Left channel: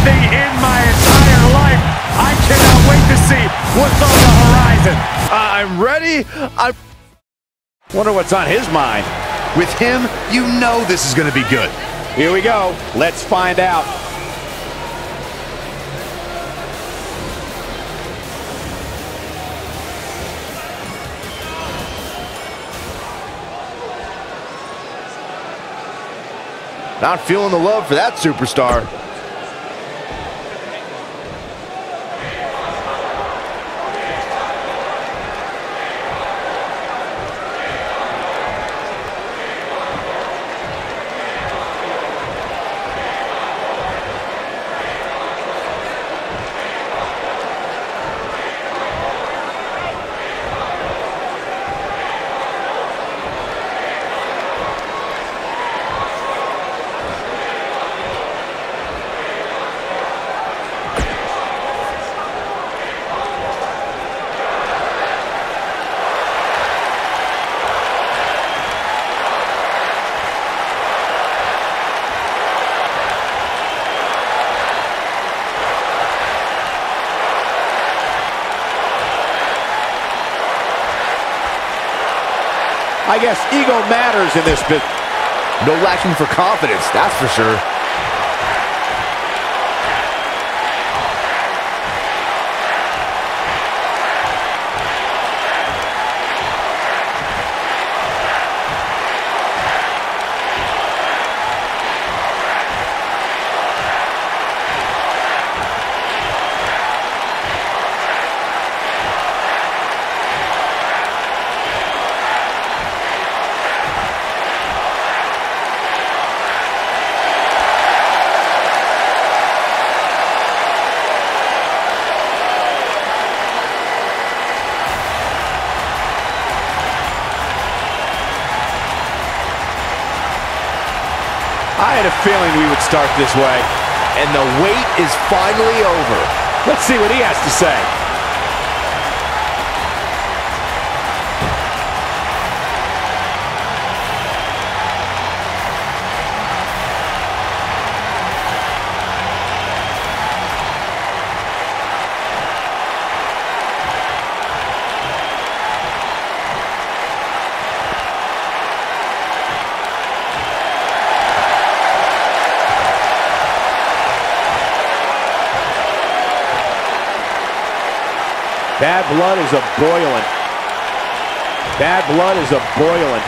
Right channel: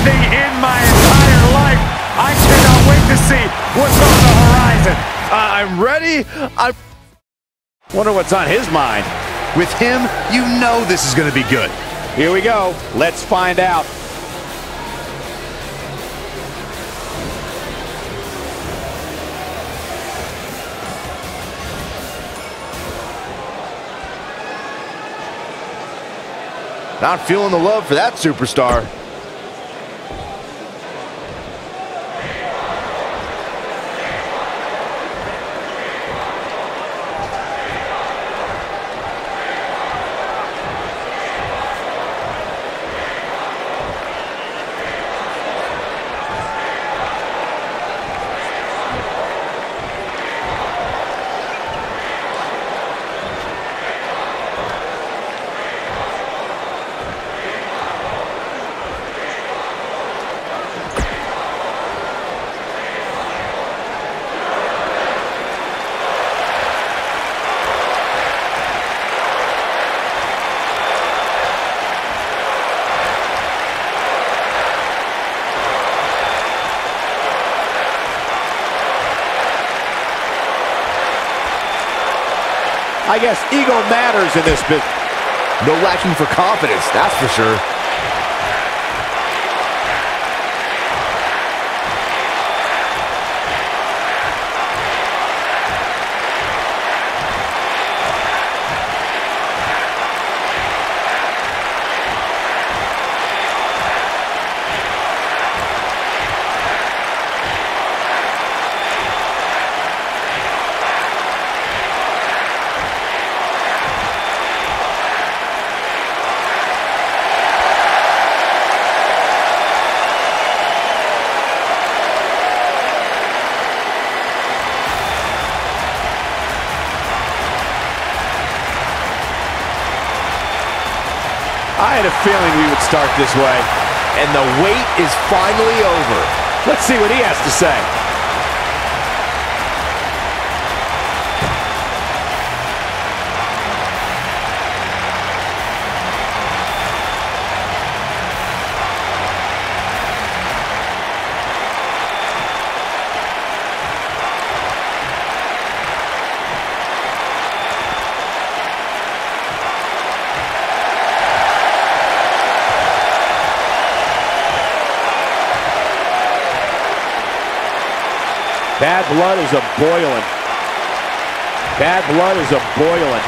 anything in my entire life. I cannot wait to see what's on the horizon. I'm ready. I wonder what's on his mind. With him, you know this is going to be good. Here we go. Let's find out. Not feeling the love for that superstar. I guess ego matters in this business. No lacking for confidence, that's for sure. I had a feeling we would start this way. And the wait is finally over. Let's see what he has to say. Bad blood is a-boiling. Bad blood is a-boiling.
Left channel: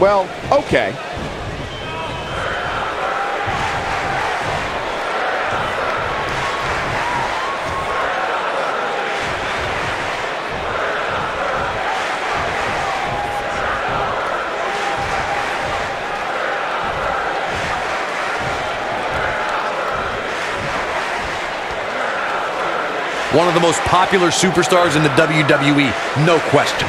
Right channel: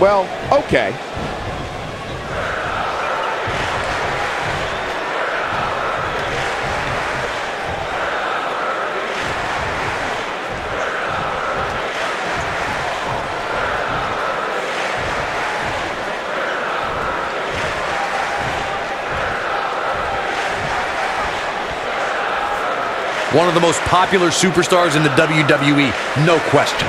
Well, okay. One of the most popular superstars in the WWE, no question.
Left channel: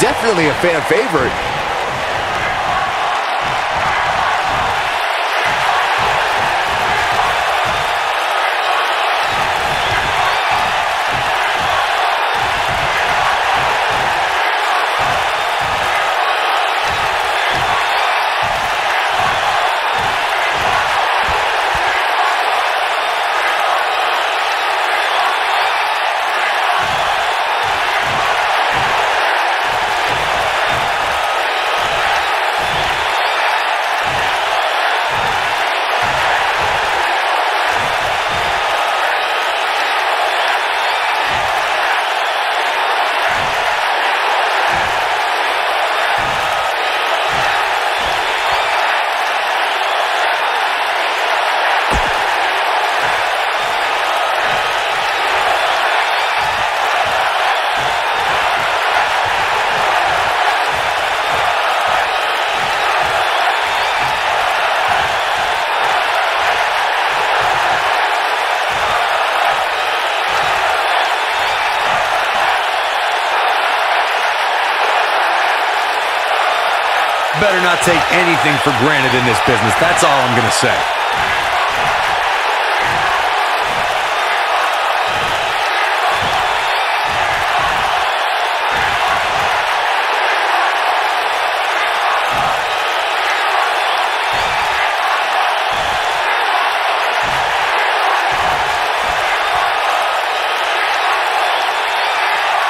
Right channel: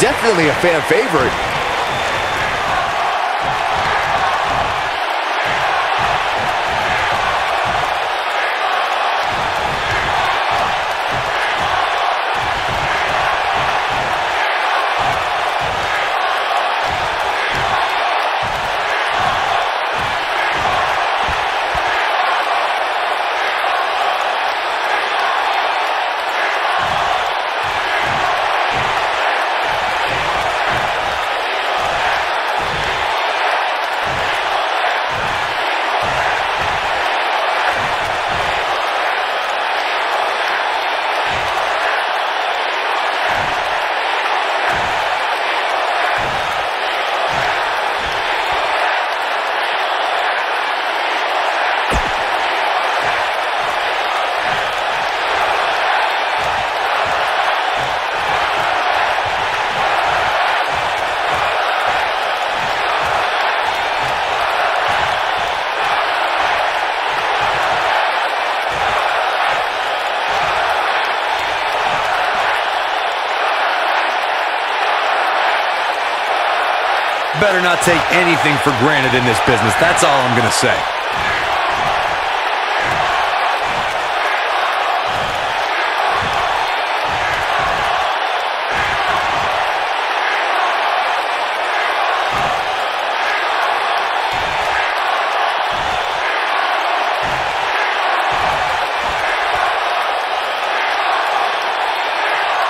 Definitely a fan favorite. better not take anything for granted in this business. That's all I'm gonna say.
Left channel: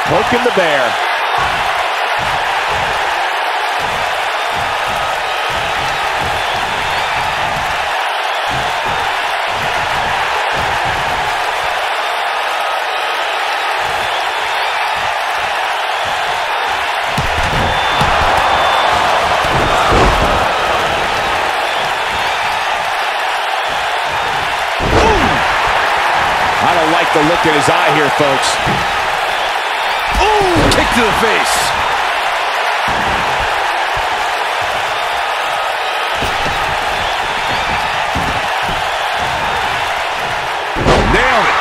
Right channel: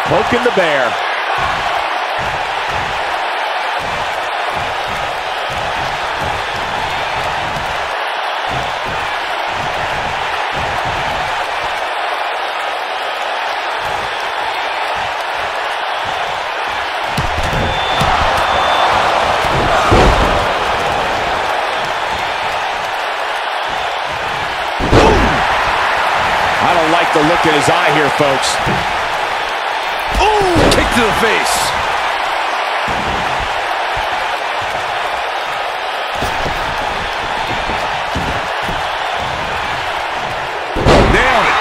Poking the bear. I don't like the look in his eye here, folks. Ooh, kick to the face. Nailed it.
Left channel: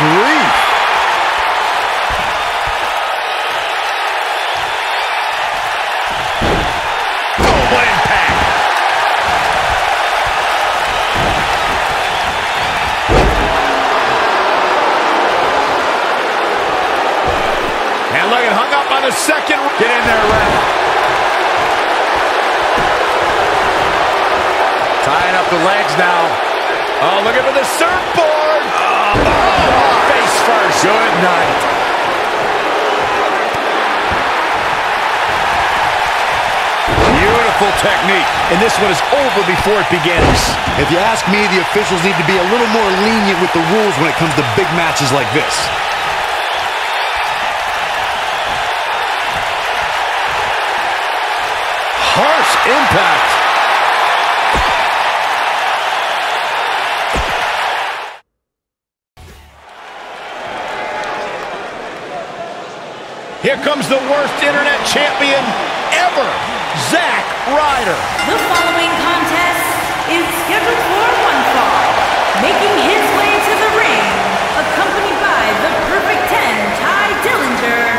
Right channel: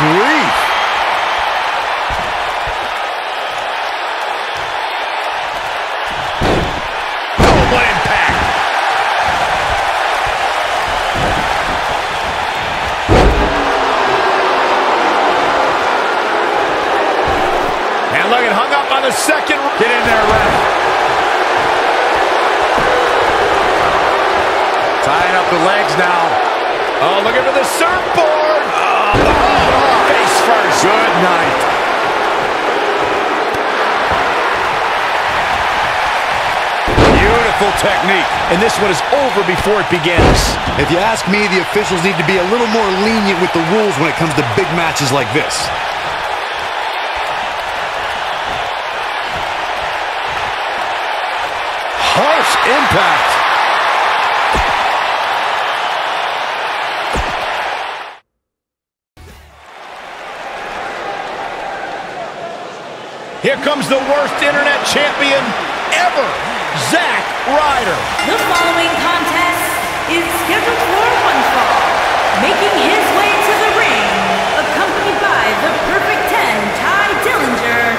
Grief. Oh, what impact. And look, it hung up on the second. Get in there, ref. Tying up the legs now. Oh, looking for the surfboard. Face first. Good night. Beautiful technique. And this one is over before it begins. If you ask me, the officials need to be a little more lenient with the rules when it comes to big matches like this. Harsh impact. Here comes the worst internet champion ever, Zack Ryder. The following contest is scheduled for one fall. Making his way to the ring, accompanied by the Perfect 10, Ty Dillinger,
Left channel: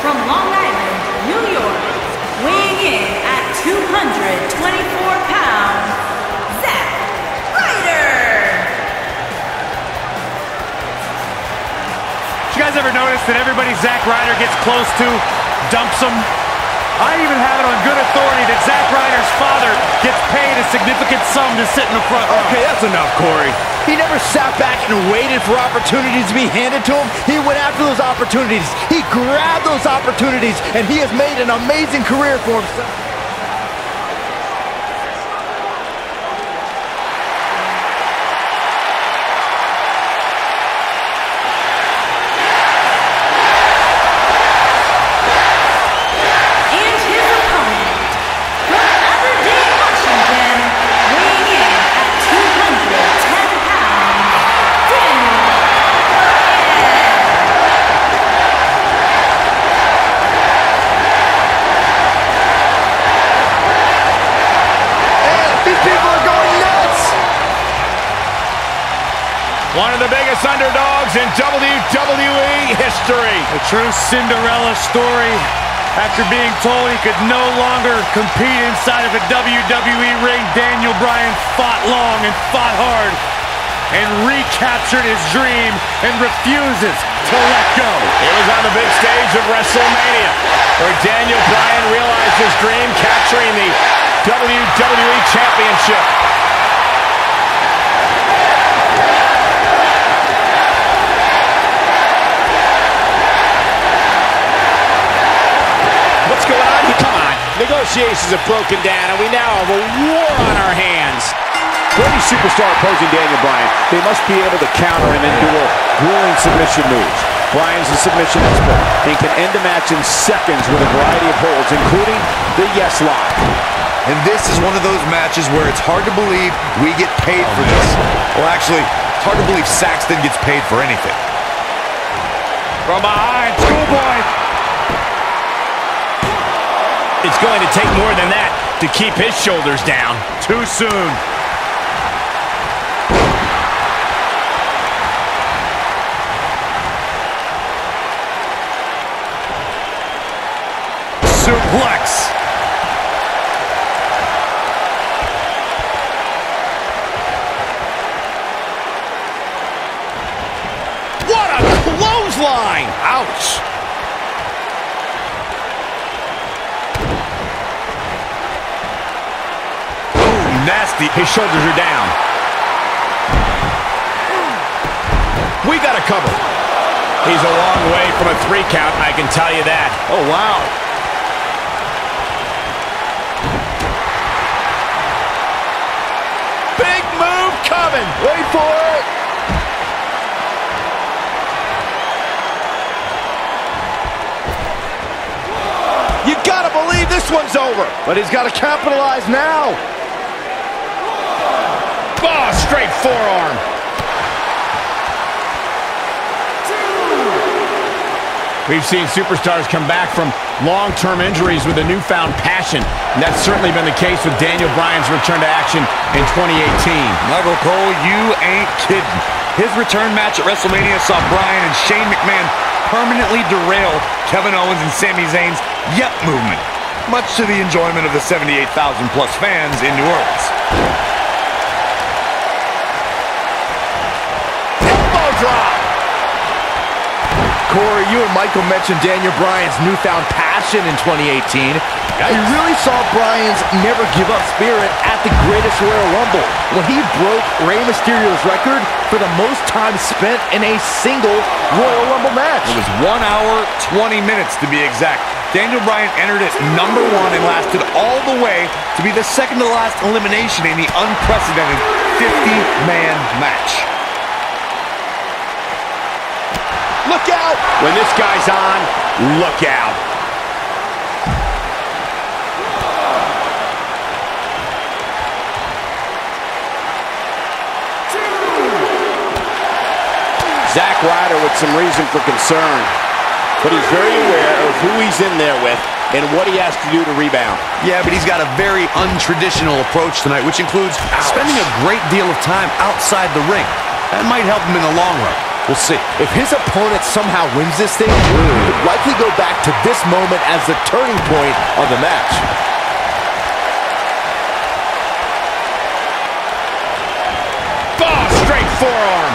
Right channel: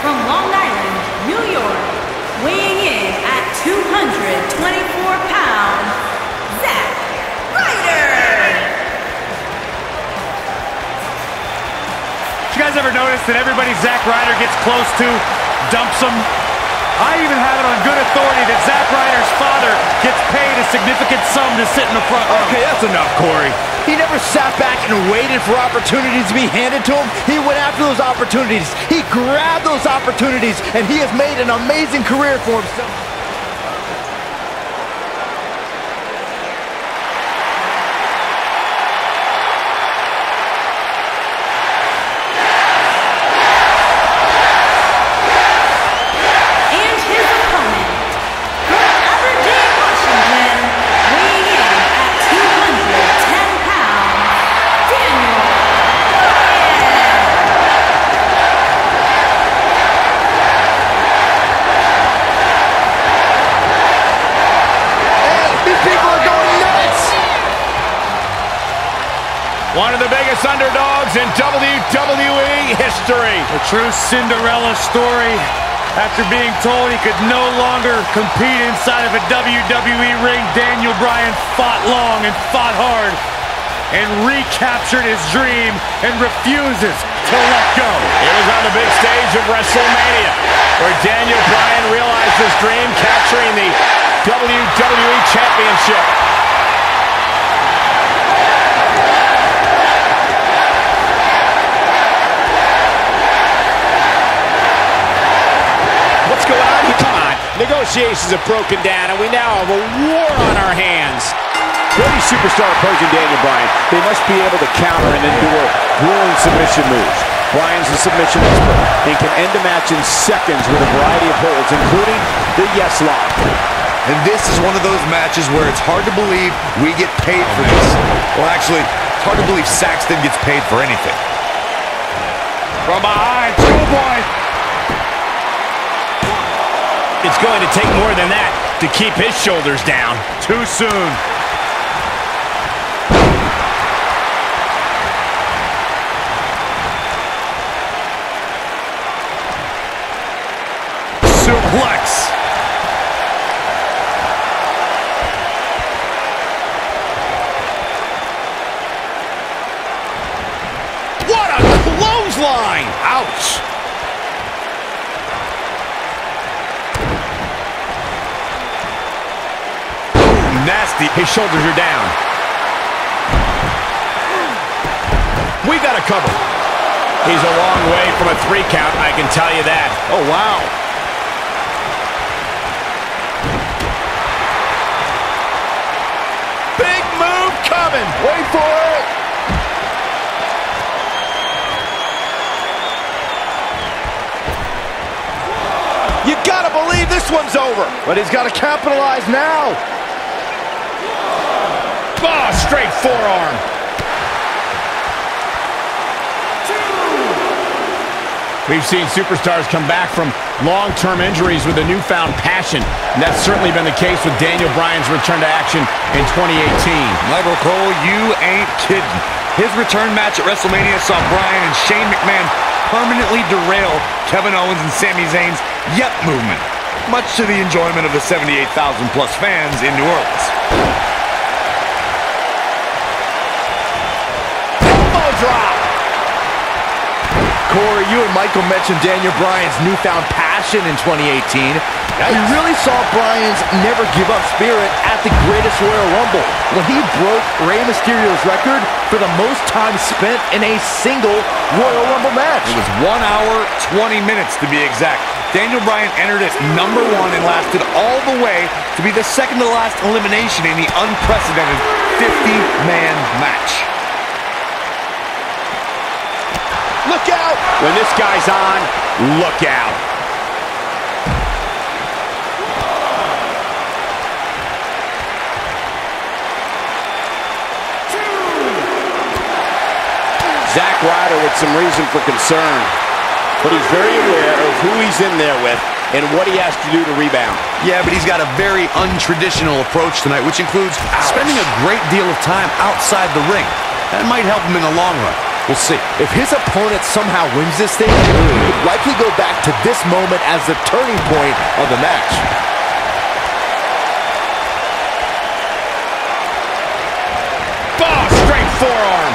from Long Island, New York, weighing in at 224 pounds, Zack Ryder. You guys ever notice that everybody Zack Ryder gets close to dumps him? I even have it on good authority that Zack Ryder's father gets paid a significant sum to sit in the front row. Okay, that's enough, Corey. He never sat back and waited for opportunities to be handed to him. He went after those opportunities. He grabbed those opportunities, and he has made an amazing career for himself. One of the biggest underdogs in WWE history. A true Cinderella story. After being told he could no longer compete inside of a WWE ring, Daniel Bryan fought long and fought hard and recaptured his dream and refuses to let go. It was on the big stage of WrestleMania where Daniel Bryan realized his dream, capturing the WWE Championship. What's going on here? Come on. Negotiations have broken down, and we now have a war on our hands. For any superstar opposing Daniel Bryan, they must be able to counter and endure grueling submission moves. Bryan's a submission expert and can end a match in seconds with a variety of holds, including the yes lock. And this is one of those matches where it's hard to believe we get paid for this. Well, actually, it's hard to believe Saxton gets paid for anything. From behind, Schoolboy. It's going to take more than that to keep his shoulders down. Too soon. Suplex. What a clothesline! Ouch! Ooh, nasty. His shoulders are down. We got a cover. He's a long way from a 3 count, I can tell you that. Oh, wow. Big move coming. Wait for it. You gotta believe this one's over. But he's got to capitalize now. Oh, straight forearm. 2. We've seen superstars come back from long-term injuries with a newfound passion. And that's certainly been the case with Daniel Bryan's return to action in 2018. Michael Cole, you ain't kidding. His return match at WrestleMania saw Bryan and Shane McMahon permanently derail Kevin Owens and Sami Zayn's Yep movement, much to the enjoyment of the 78,000 plus fans in New Orleans. Elbow drop. Corey, you and Michael mentioned Daniel Bryan's newfound passion in 2018. Yikes. We really saw Bryan's never give up spirit at the greatest Royal Rumble when he broke Rey Mysterio's record for the most time spent in a single Royal Rumble match. It was 1 hour, 20 minutes to be exact. Daniel Bryan entered at number 1 and lasted all the way to be the second to last elimination in the unprecedented 50-man match. Look out! When this guy's on, look out. Zack Ryder with some reason for concern, but he's very aware of who he's in there with and what he has to do to rebound. Yeah, but he's got a very untraditional approach tonight, which includes spending a great deal of time outside the ring. That might help him in the long run. We'll see. If his opponent somehow wins this thing, he would likely go back to this moment as the turning point of the match. Oh, straight forearm.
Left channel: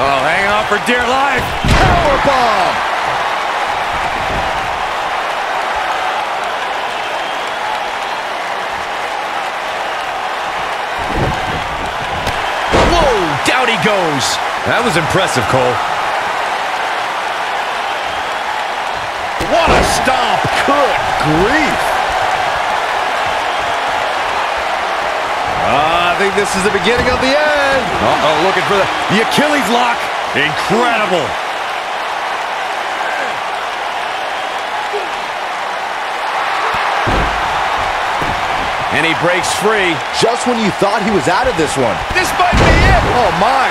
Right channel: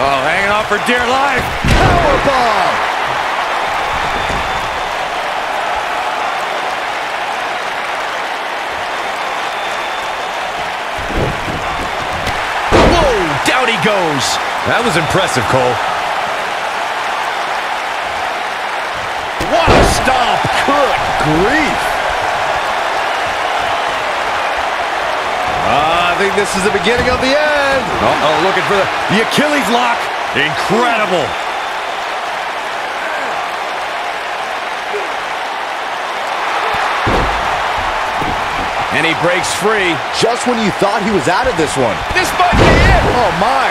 Oh, hanging on for dear life. Powerbomb! Down he goes. That was impressive, Cole. What a stomp. Good grief. I think this is the beginning of the end. Uh-oh, looking for the Achilles lock. Incredible. And he breaks free. Just when you thought he was out of this one. This might be it. Oh, my.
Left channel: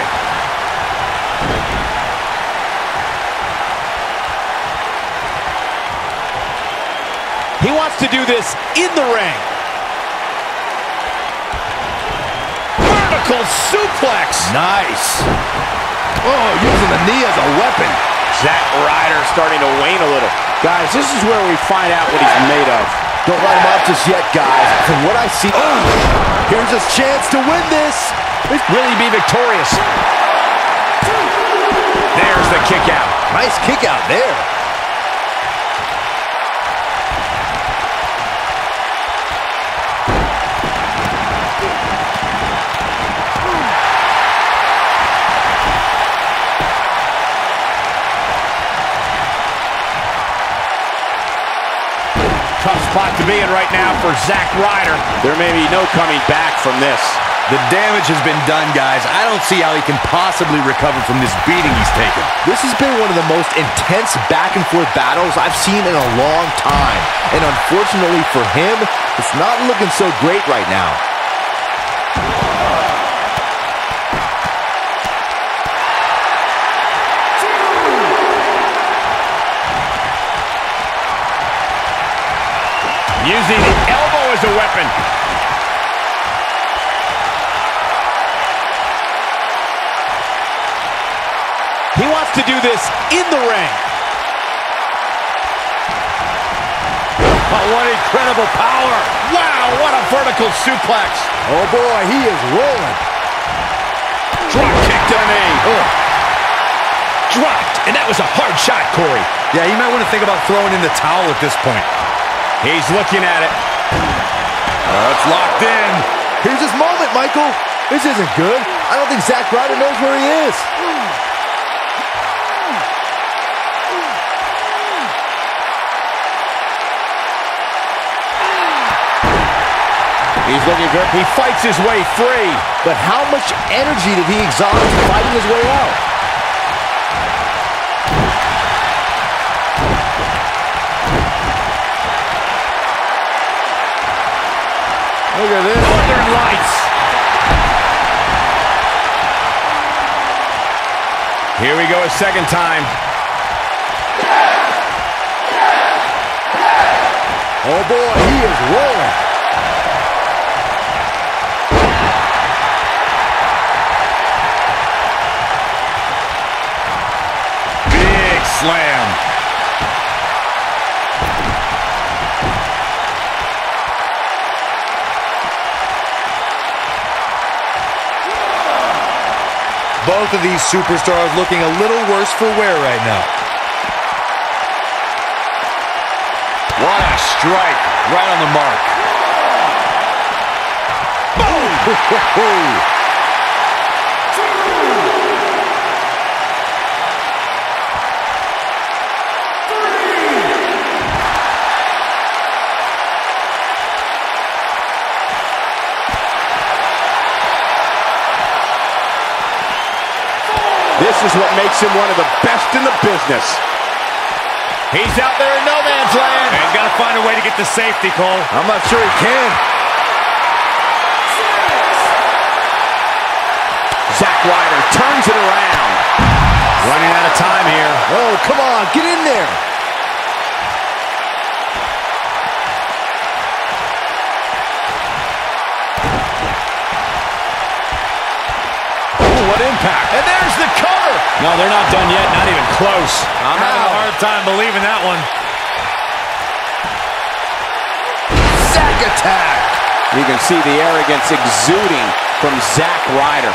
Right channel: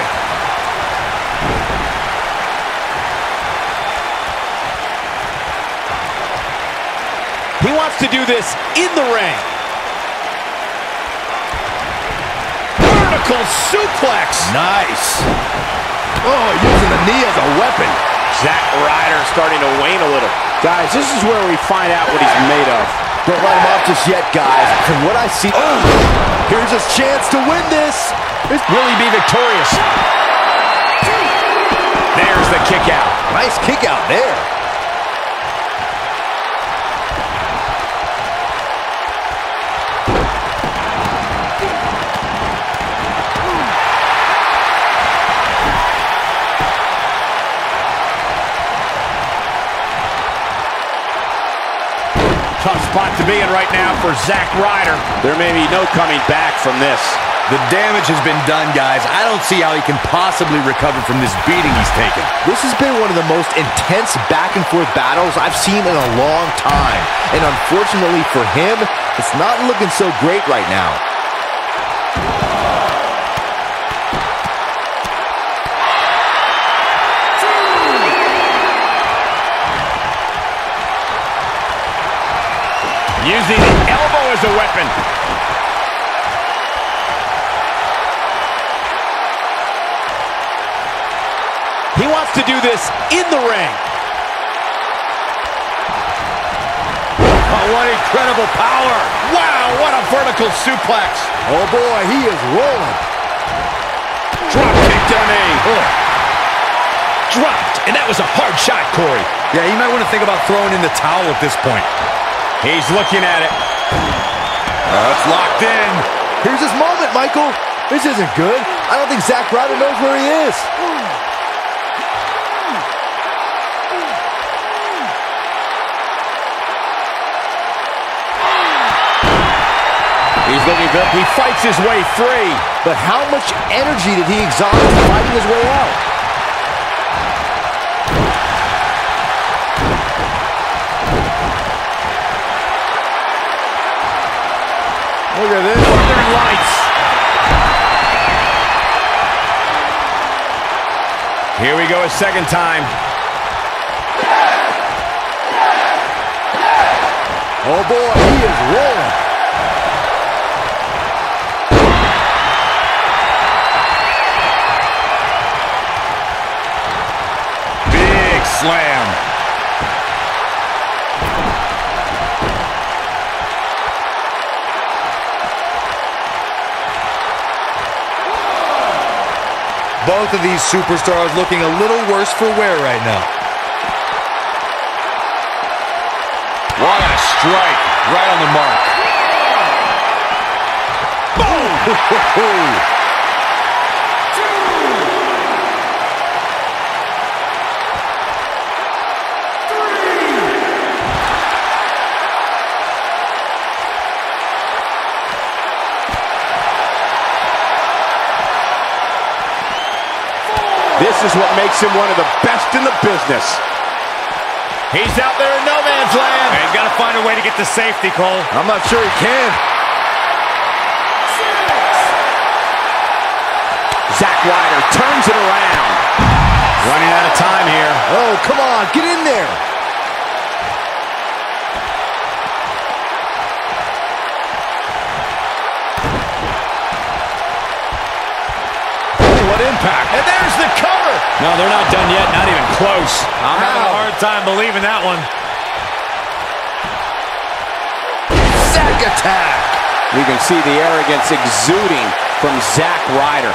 He wants to do this in the ring. Vertical suplex. Nice. Oh, using the knee as a weapon. Zack Ryder starting to wane a little. Guys, this is where we find out what he's made of. Don't write him off just yet, guys. From what I see, here's his chance to win this. Will he be victorious? There's the kick out. Nice kick out there. Tough spot to be in right now for Zack Ryder. There may be no coming back from this. The damage has been done, guys. I don't see how he can possibly recover from this beating he's taken. This has been one of the most intense back-and-forth battles I've seen in a long time. And unfortunately for him, it's not looking so great right now. Using the elbow as a weapon. He wants to do this in the ring. Oh, what incredible power. Wow, what a vertical suplex. Oh boy, he is rolling. Drop kick to the knee. Ugh. Dropped, and that was a hard shot, Corey. Yeah, you might want to think about throwing in the towel at this point. He's looking at it. It's locked in. Here's his moment, Michael. This isn't good. I don't think Zack Ryder knows where he is. He's looking good. He fights his way free. But how much energy did he exhaust fighting his way out? Look at this. Northern Lights. Here we go a second time. Oh boy, he is rolling. Big slam. Both of these superstars looking a little worse for wear right now. What a strike. Right on the mark. Boom! This is what makes him one of the best in the business. He's out there in no man's land. And he's got to find a way to get to safety, Cole. I'm not sure he can. Zack Ryder turns it around. Running out of time here. Oh, come on, get in there. What impact. And there's the cover. No, they're not done yet. Not even close. I'm having a hard time believing that one. Zack attack. You can see the arrogance exuding from Zack Ryder.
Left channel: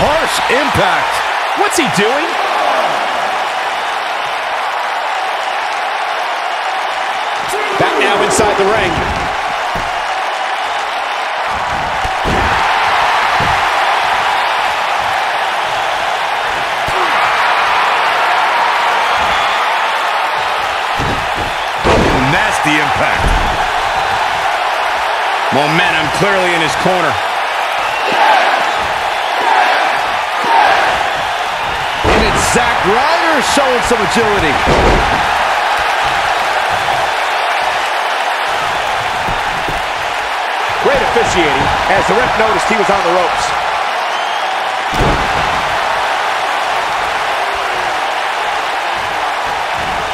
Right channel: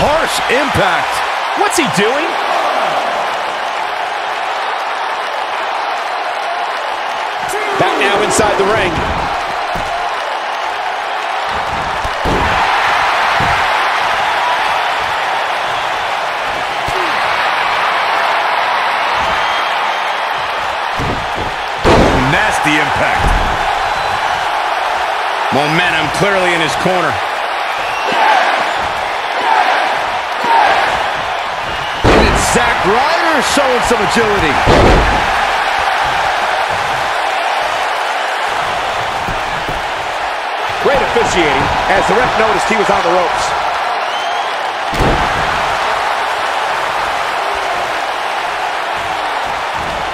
Harsh impact. What's he doing? Back now inside the ring. Nasty impact. Momentum clearly in his corner. And it's Zack Ryder showing some agility. Great officiating as the ref noticed he was on the ropes.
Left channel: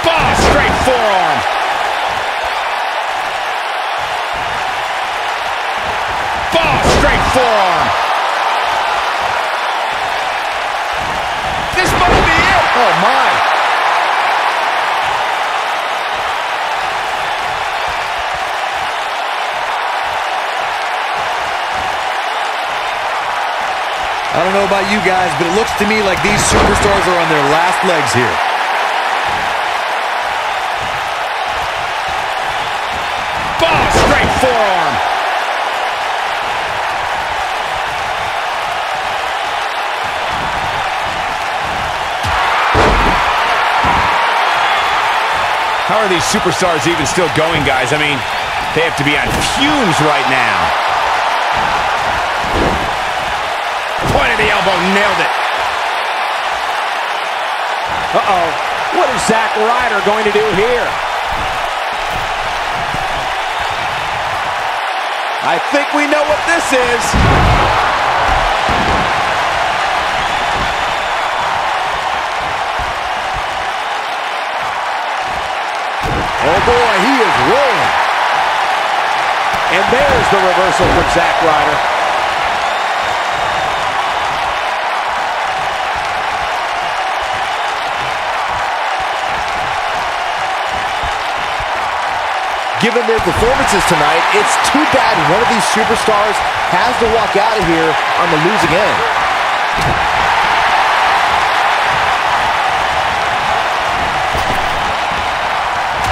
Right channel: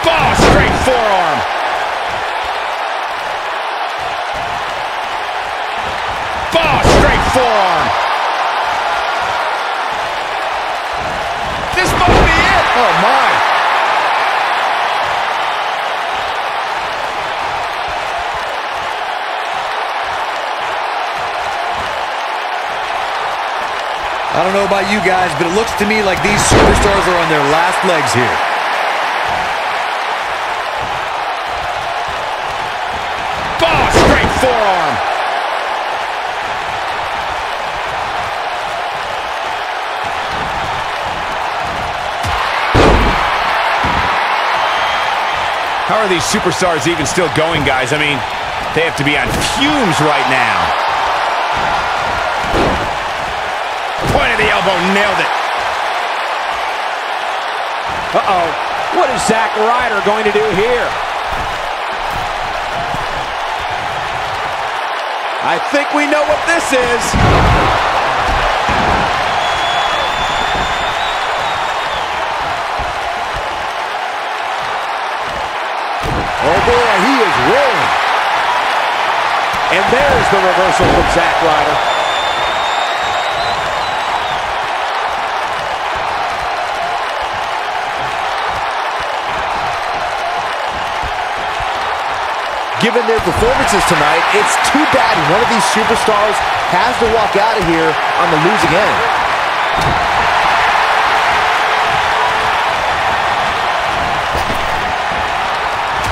Oh, straight forearm. Oh, straight forearm. This must be it. Oh, my. I don't know about you guys, but it looks to me like these superstars are on their last legs here. Oh, straight forearm. How are these superstars even still going, guys? I mean, they have to be on fumes right now. Point of the elbow, nailed it. Uh-oh. What is Zack Ryder going to do here? I think we know what this is. Oh boy, he is rolling. And there's the reversal from Zack Ryder. Given their performances tonight, it's too bad one of these superstars has to walk out of here on the losing end.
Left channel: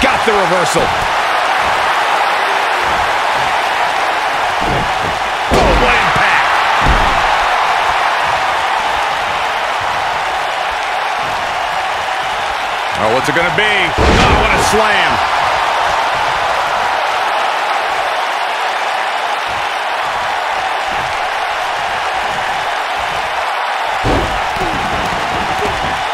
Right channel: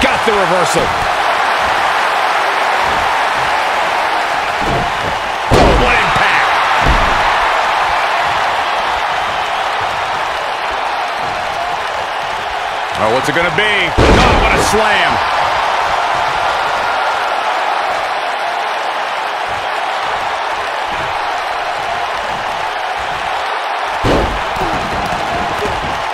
Got the reversal. Oh, what impact. Oh, what's it gonna be? Oh, what a slam.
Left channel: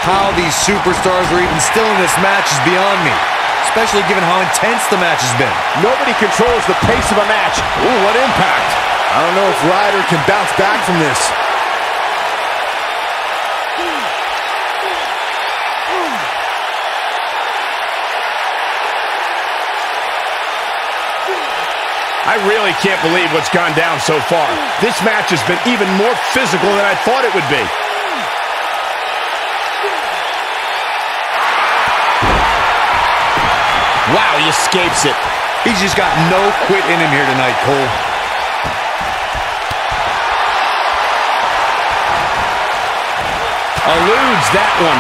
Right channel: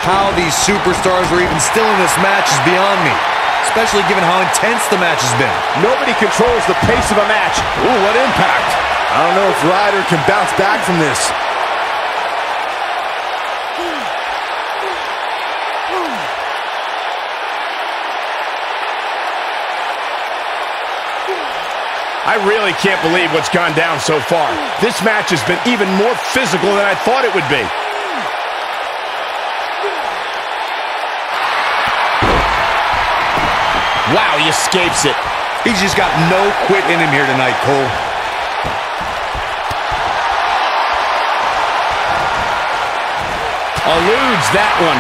How these superstars are even still in this match is beyond me, especially given how intense the match has been. Nobody controls the pace of a match. Ooh, what impact. I don't know if Ryder can bounce back from this. I really can't believe what's gone down so far. This match has been even more physical than I thought it would be. Wow, he escapes it. He's just got no quit in him here tonight, Cole. Eludes that one.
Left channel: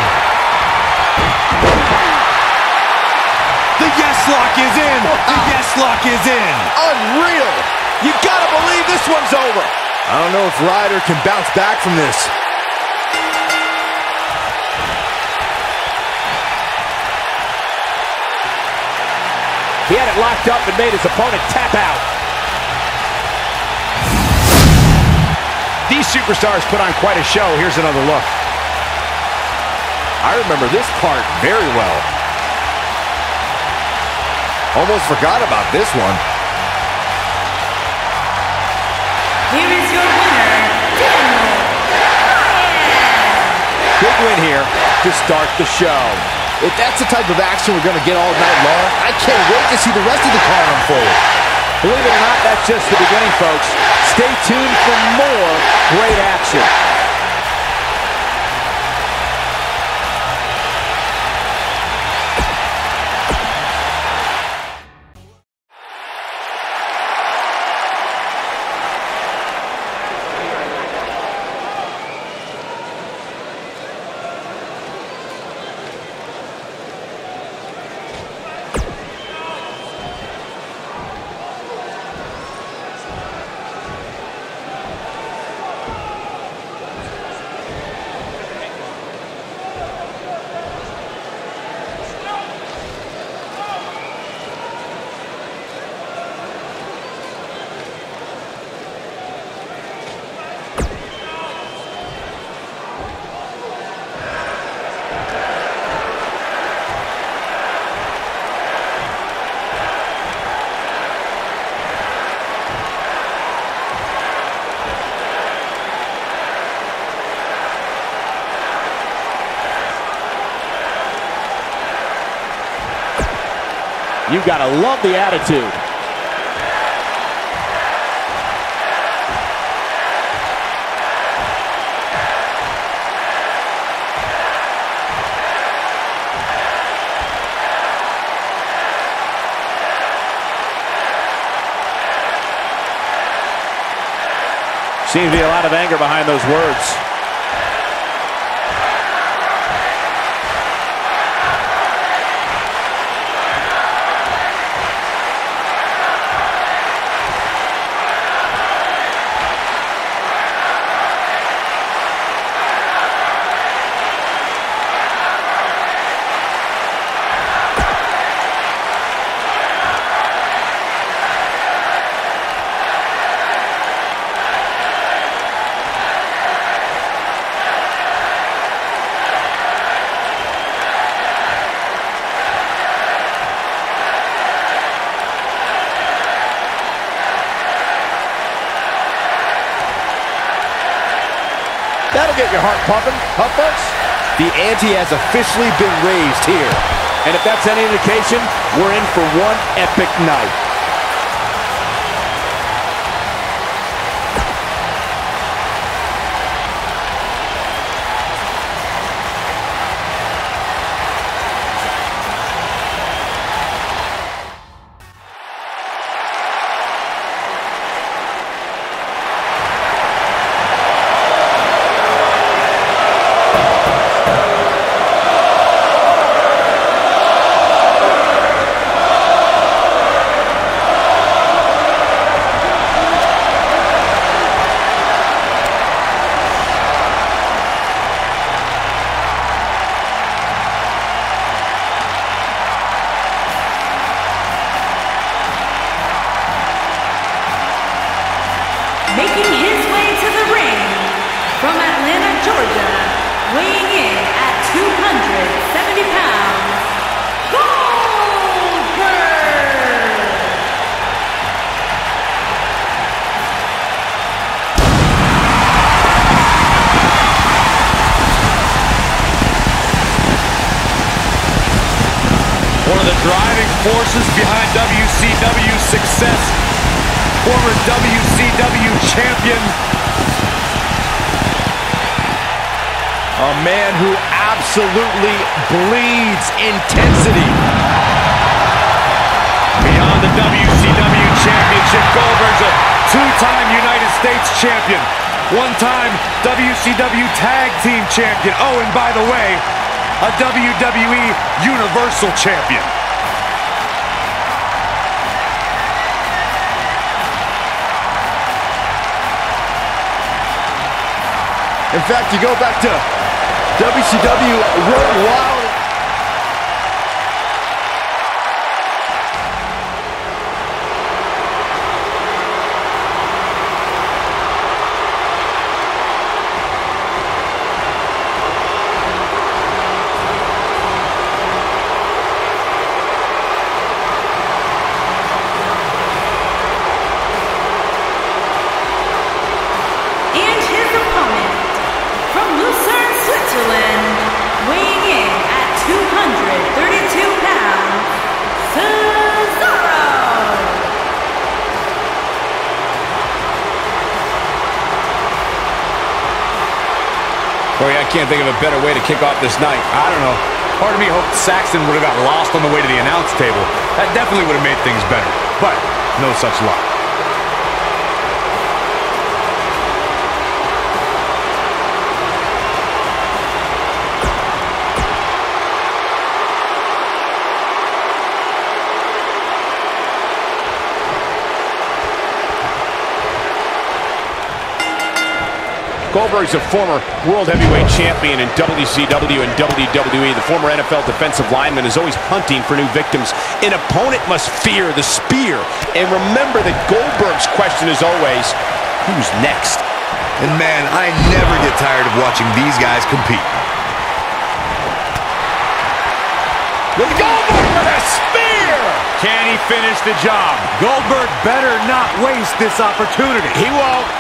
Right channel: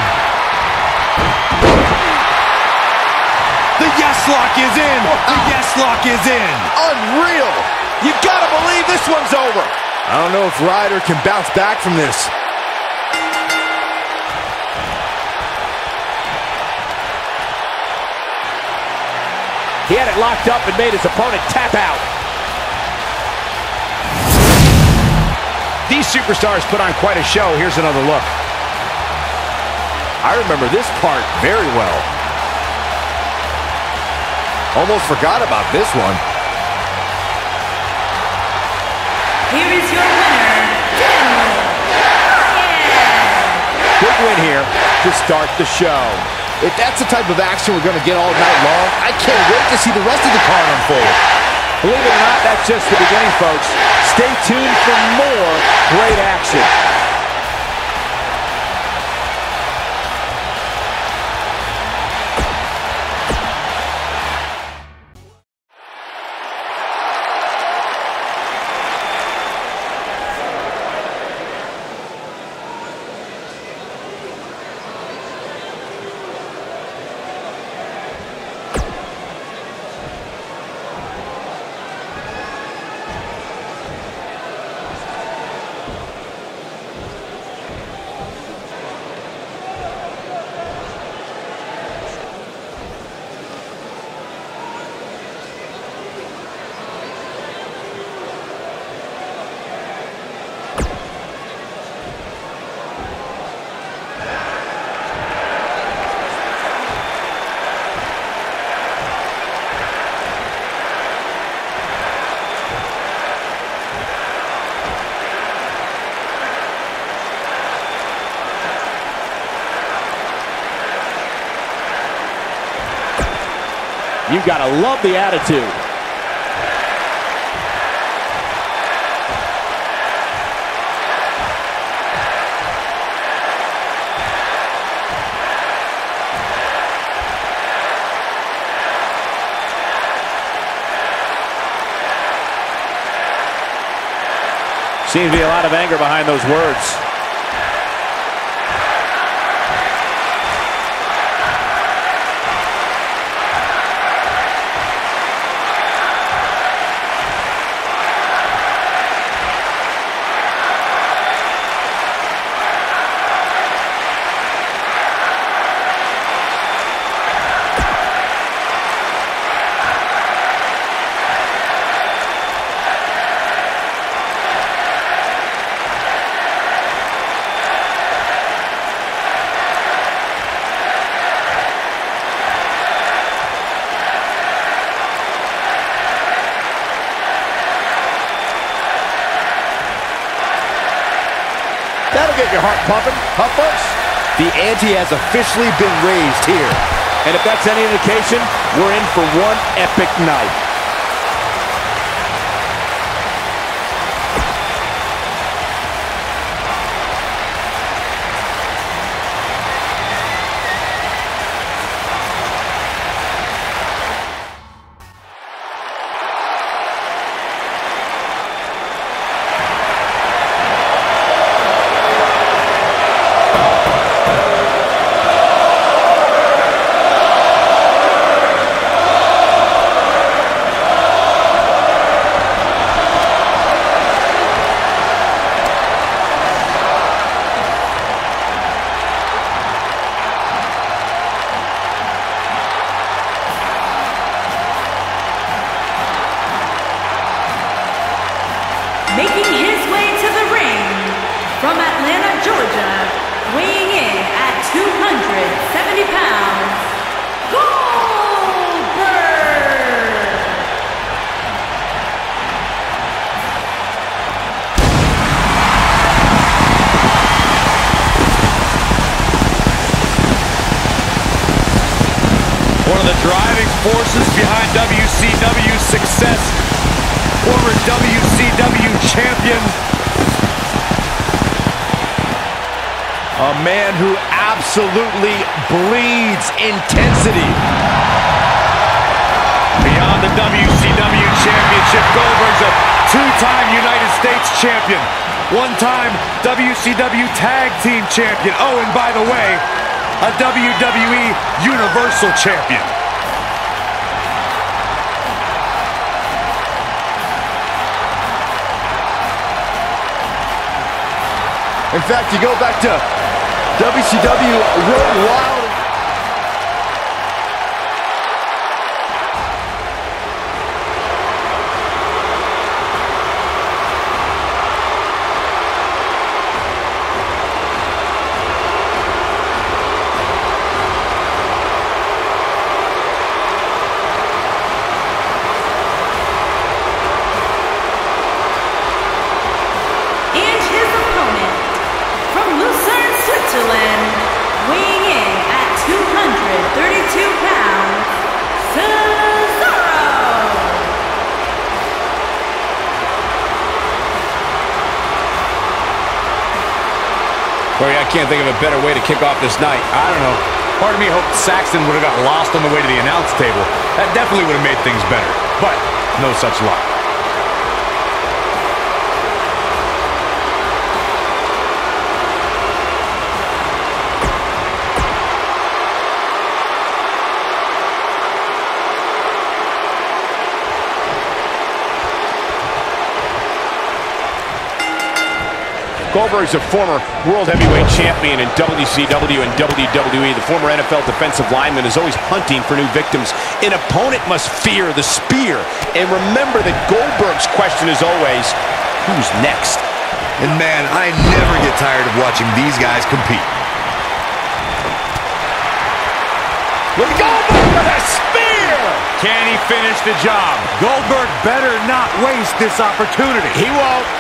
The yes lock is in. Wow. The yes lock is in. Unreal. You gotta believe this one's over. I don't know if Ryder can bounce back from this. He had it locked up and made his opponent tap out. These superstars put on quite a show. Here's another look. I remember this part very well. Almost forgot about this one. Here is your winner, Daniel Bryan. Big win here to start the show. If that's the type of action we're going to get all night long, I can't wait to see the rest of the card unfold. Believe it or not, that's just the beginning, folks. Stay tuned for more great action. You gotta love the attitude. Seems to be a lot of anger behind those words. That'll get your heart pumping, huh, folks? The ante has officially been raised here. And if that's any indication, we're in for one epic night. Making his way to the ring from Atlanta, Georgia, weighing in at 270 pounds, Goldberg! One of the driving forces behind WCW's success. Former WCW champion. A man who absolutely bleeds intensity. Beyond the WCW championship, Goldberg's a two-time United States champion. One-time WCW tag team champion. Oh, and by the way, a WWE Universal champion. In fact, you go back to WCW Road Wild. And his opponent, from Lucerne, Switzerland, weighing in at 232 pounds, Cesaro! Corey, I can't think of a better way to kick off this night. I don't know. Part of me hoped Saxton would have got lost on the way to the announce table. That definitely would have made things better. But no such luck. Goldberg's a former World Heavyweight Champion in WCW and WWE. The former NFL defensive lineman is always hunting for new victims. An opponent must fear the spear. And remember that Goldberg's question is always, who's next? And man, I never get tired of watching these guys compete. Look at Goldberg with a spear! Can he finish the job? Goldberg better not waste this opportunity. He won't.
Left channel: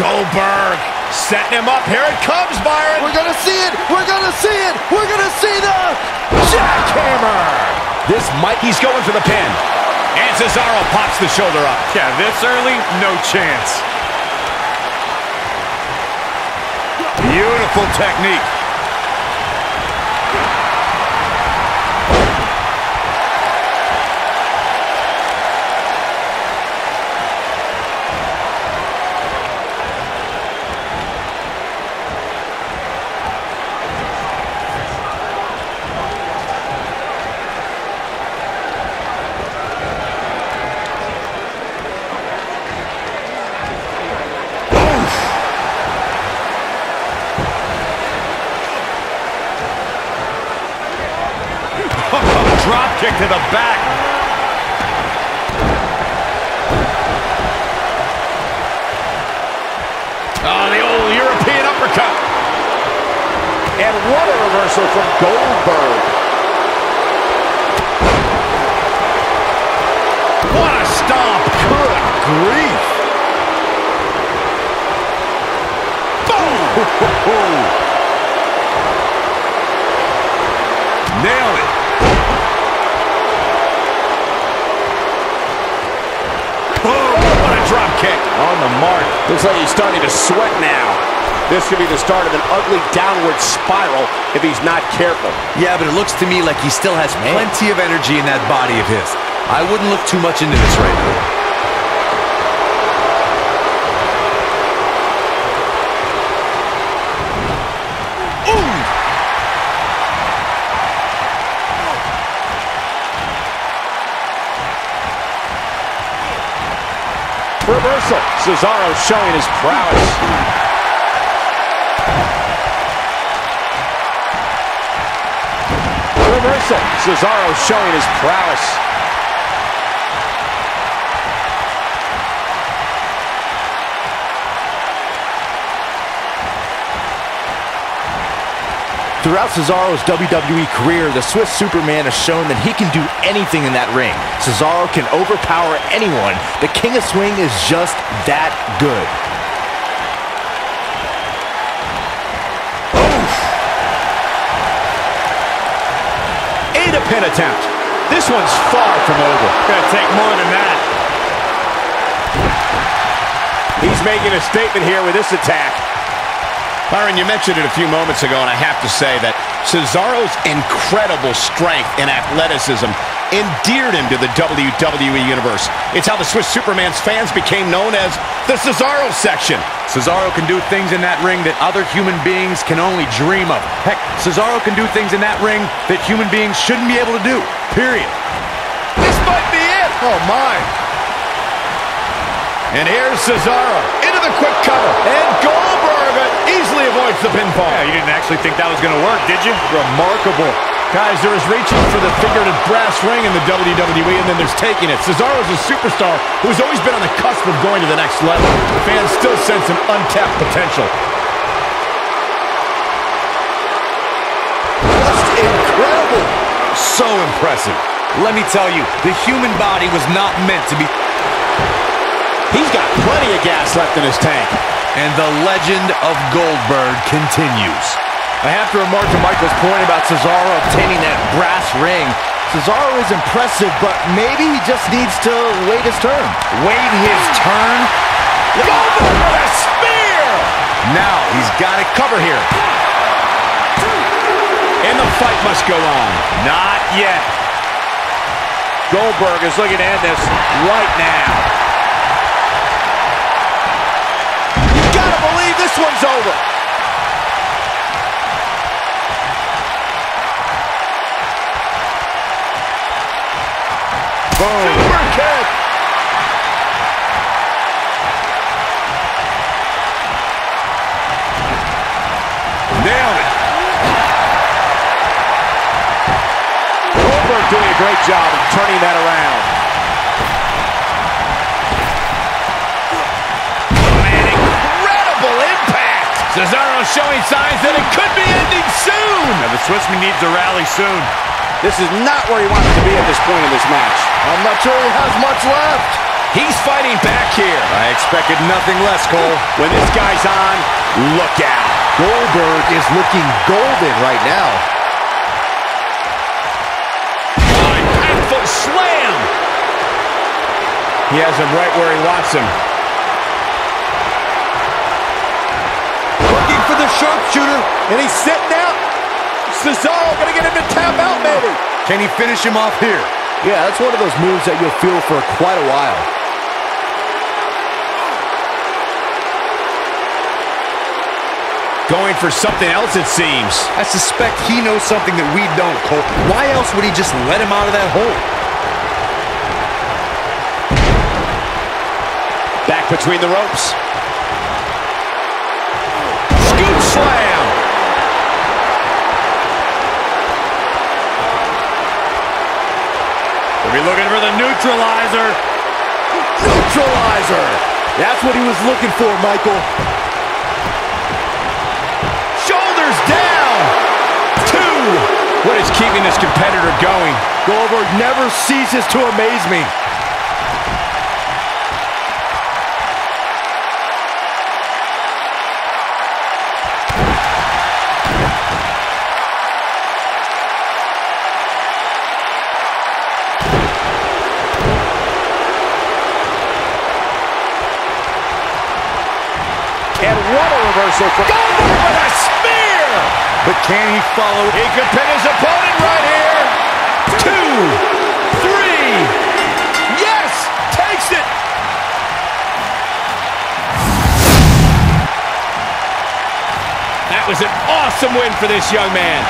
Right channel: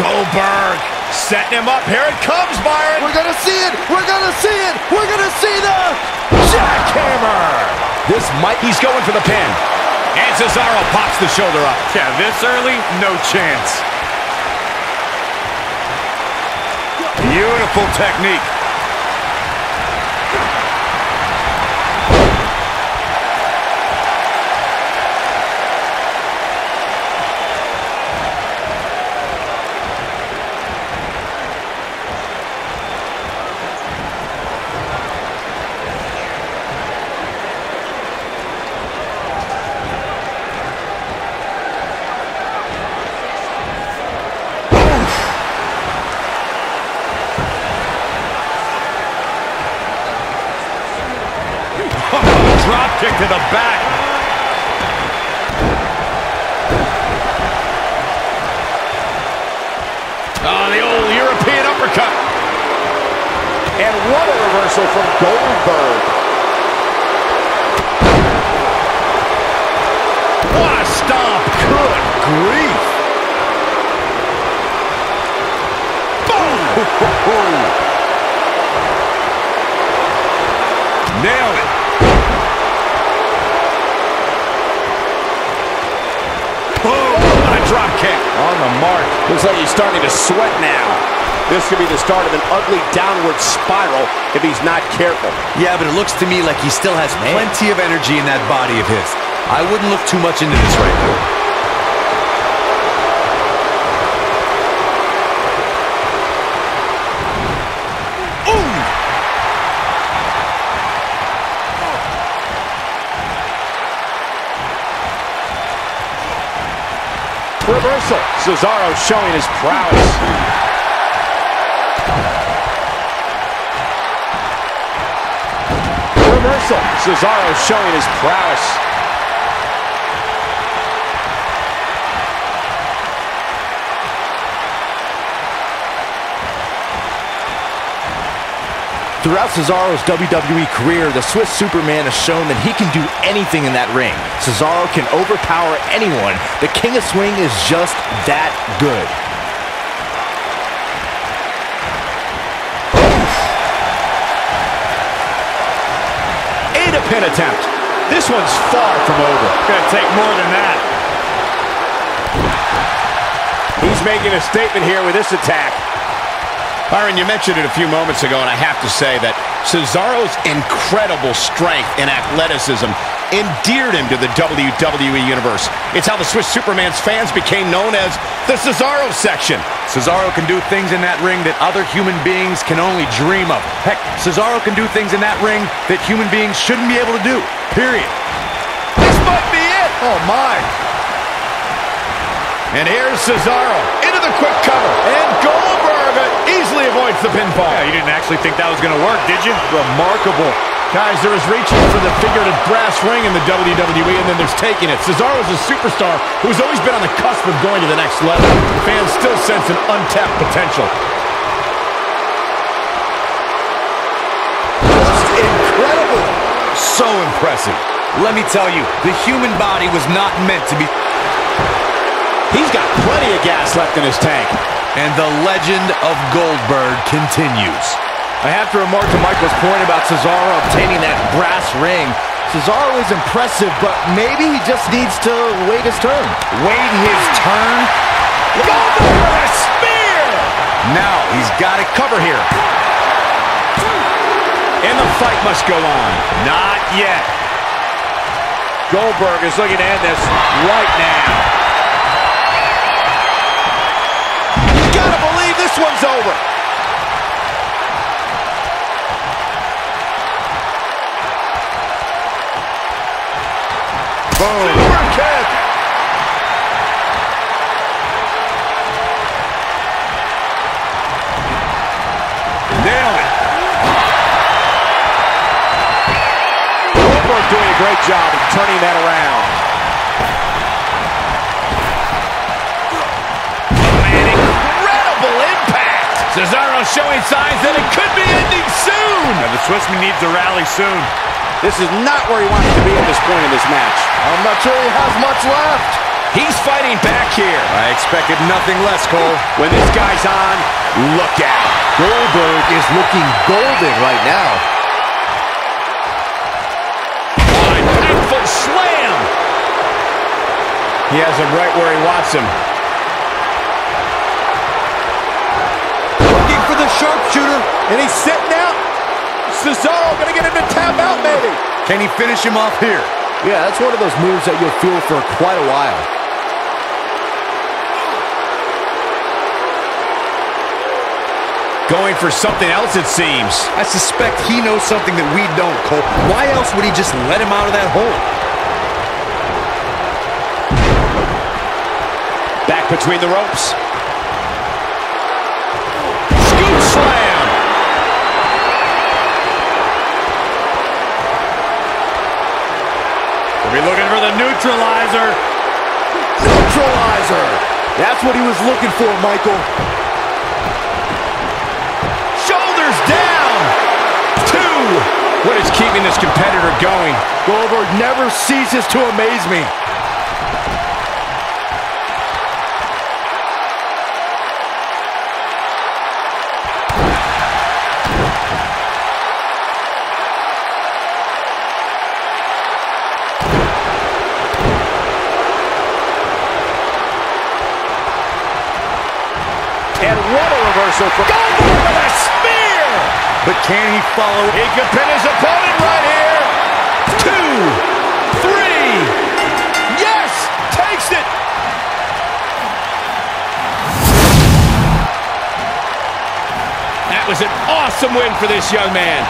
Goldberg setting him up. Here it comes, Byron. We're gonna see it. We're gonna see it. We're gonna see the jackhammer. He's going for the pin. And Cesaro pops the shoulder up. Yeah, this early, no chance. Beautiful technique. Drop kick to the back. Oh, the old European uppercut. And what a reversal from Goldberg. What a stomp. Good grief. Boom! Nailed it. Boom! What a drop kick. On the mark. Looks like he's starting to sweat now. This could be the start of an ugly downward spiral if he's not careful. Yeah, but it looks to me like he still has plenty of energy in that body of his. I wouldn't look too much into this right now. Reversal. Cesaro showing his prowess. Reversal. Cesaro showing his prowess. Throughout Cesaro's WWE career, the Swiss Superman has shown that he can do anything in that ring. Cesaro can overpower anyone. The King of Swing is just that good. A pin attempt. This one's far from over. Gonna take more than that. He's making a statement here with this attack. Byron, you mentioned it a few moments ago, and I have to say that Cesaro's incredible strength and athleticism endeared him to the WWE Universe. It's how the Swiss Superman's fans became known as the Cesaro section. Cesaro can do things in that ring that other human beings can only dream of. Heck, Cesaro can do things in that ring that human beings shouldn't be able to do, period. This might be it. Oh, my. And here's Cesaro into the quick cover. And Goldberg easily avoids the pinfall. Yeah, you didn't actually think that was going to work, did you? Remarkable. Guys, there is reaching for the figurative brass ring in the WWE, and then there's taking it. Cesaro is a superstar who has always been on the cusp of going to the next level. Fans still sense an untapped potential. Just incredible. So impressive. Let me tell you, the human body was not meant to be... He's got plenty of gas left in his tank. And the legend of Goldberg continues. I have to remark to Michael's point about Cesaro obtaining that brass ring. Cesaro is impressive, but maybe he just needs to wait his turn. Wait his turn? Goldberg with a spear! Now he's got it Cover here. And the fight must go on. Not yet. Goldberg is looking to end this right now. Gotta believe this one's over. Boom. Super kick. Nailed it. Goldberg doing a great job of turning that around. Impact! Cesaro showing signs that it could be ending soon! Now the Swissman needs to rally soon. This is not where he wants to be at this point in this match. I'm not sure he has much left. He's fighting back here. I expected nothing less, Cole. When this guy's on, look out. Goldberg is looking golden right now. Impactful slam! He has him right where he wants him. For the sharpshooter, And he's sitting out. Cesaro gonna get him to tap out, maybe. can he finish him off here? Yeah, that's one of those moves that you'll feel for quite a while. Going for something else, it seems. I suspect he knows something that we don't, Cole. Why else would he just let him out of that hole? Back between the ropes. Scoop slam. We'll be looking for the neutralizer. Neutralizer! That's what he was looking for, Michael. Shoulders down. 2. What is keeping this competitor going? Goldberg never ceases to amaze me. And what a reversal from Goldberg with a spear! But can he follow? He could pin his opponent right here. 2, 3. Yes! Takes it! That was an awesome win for this young man.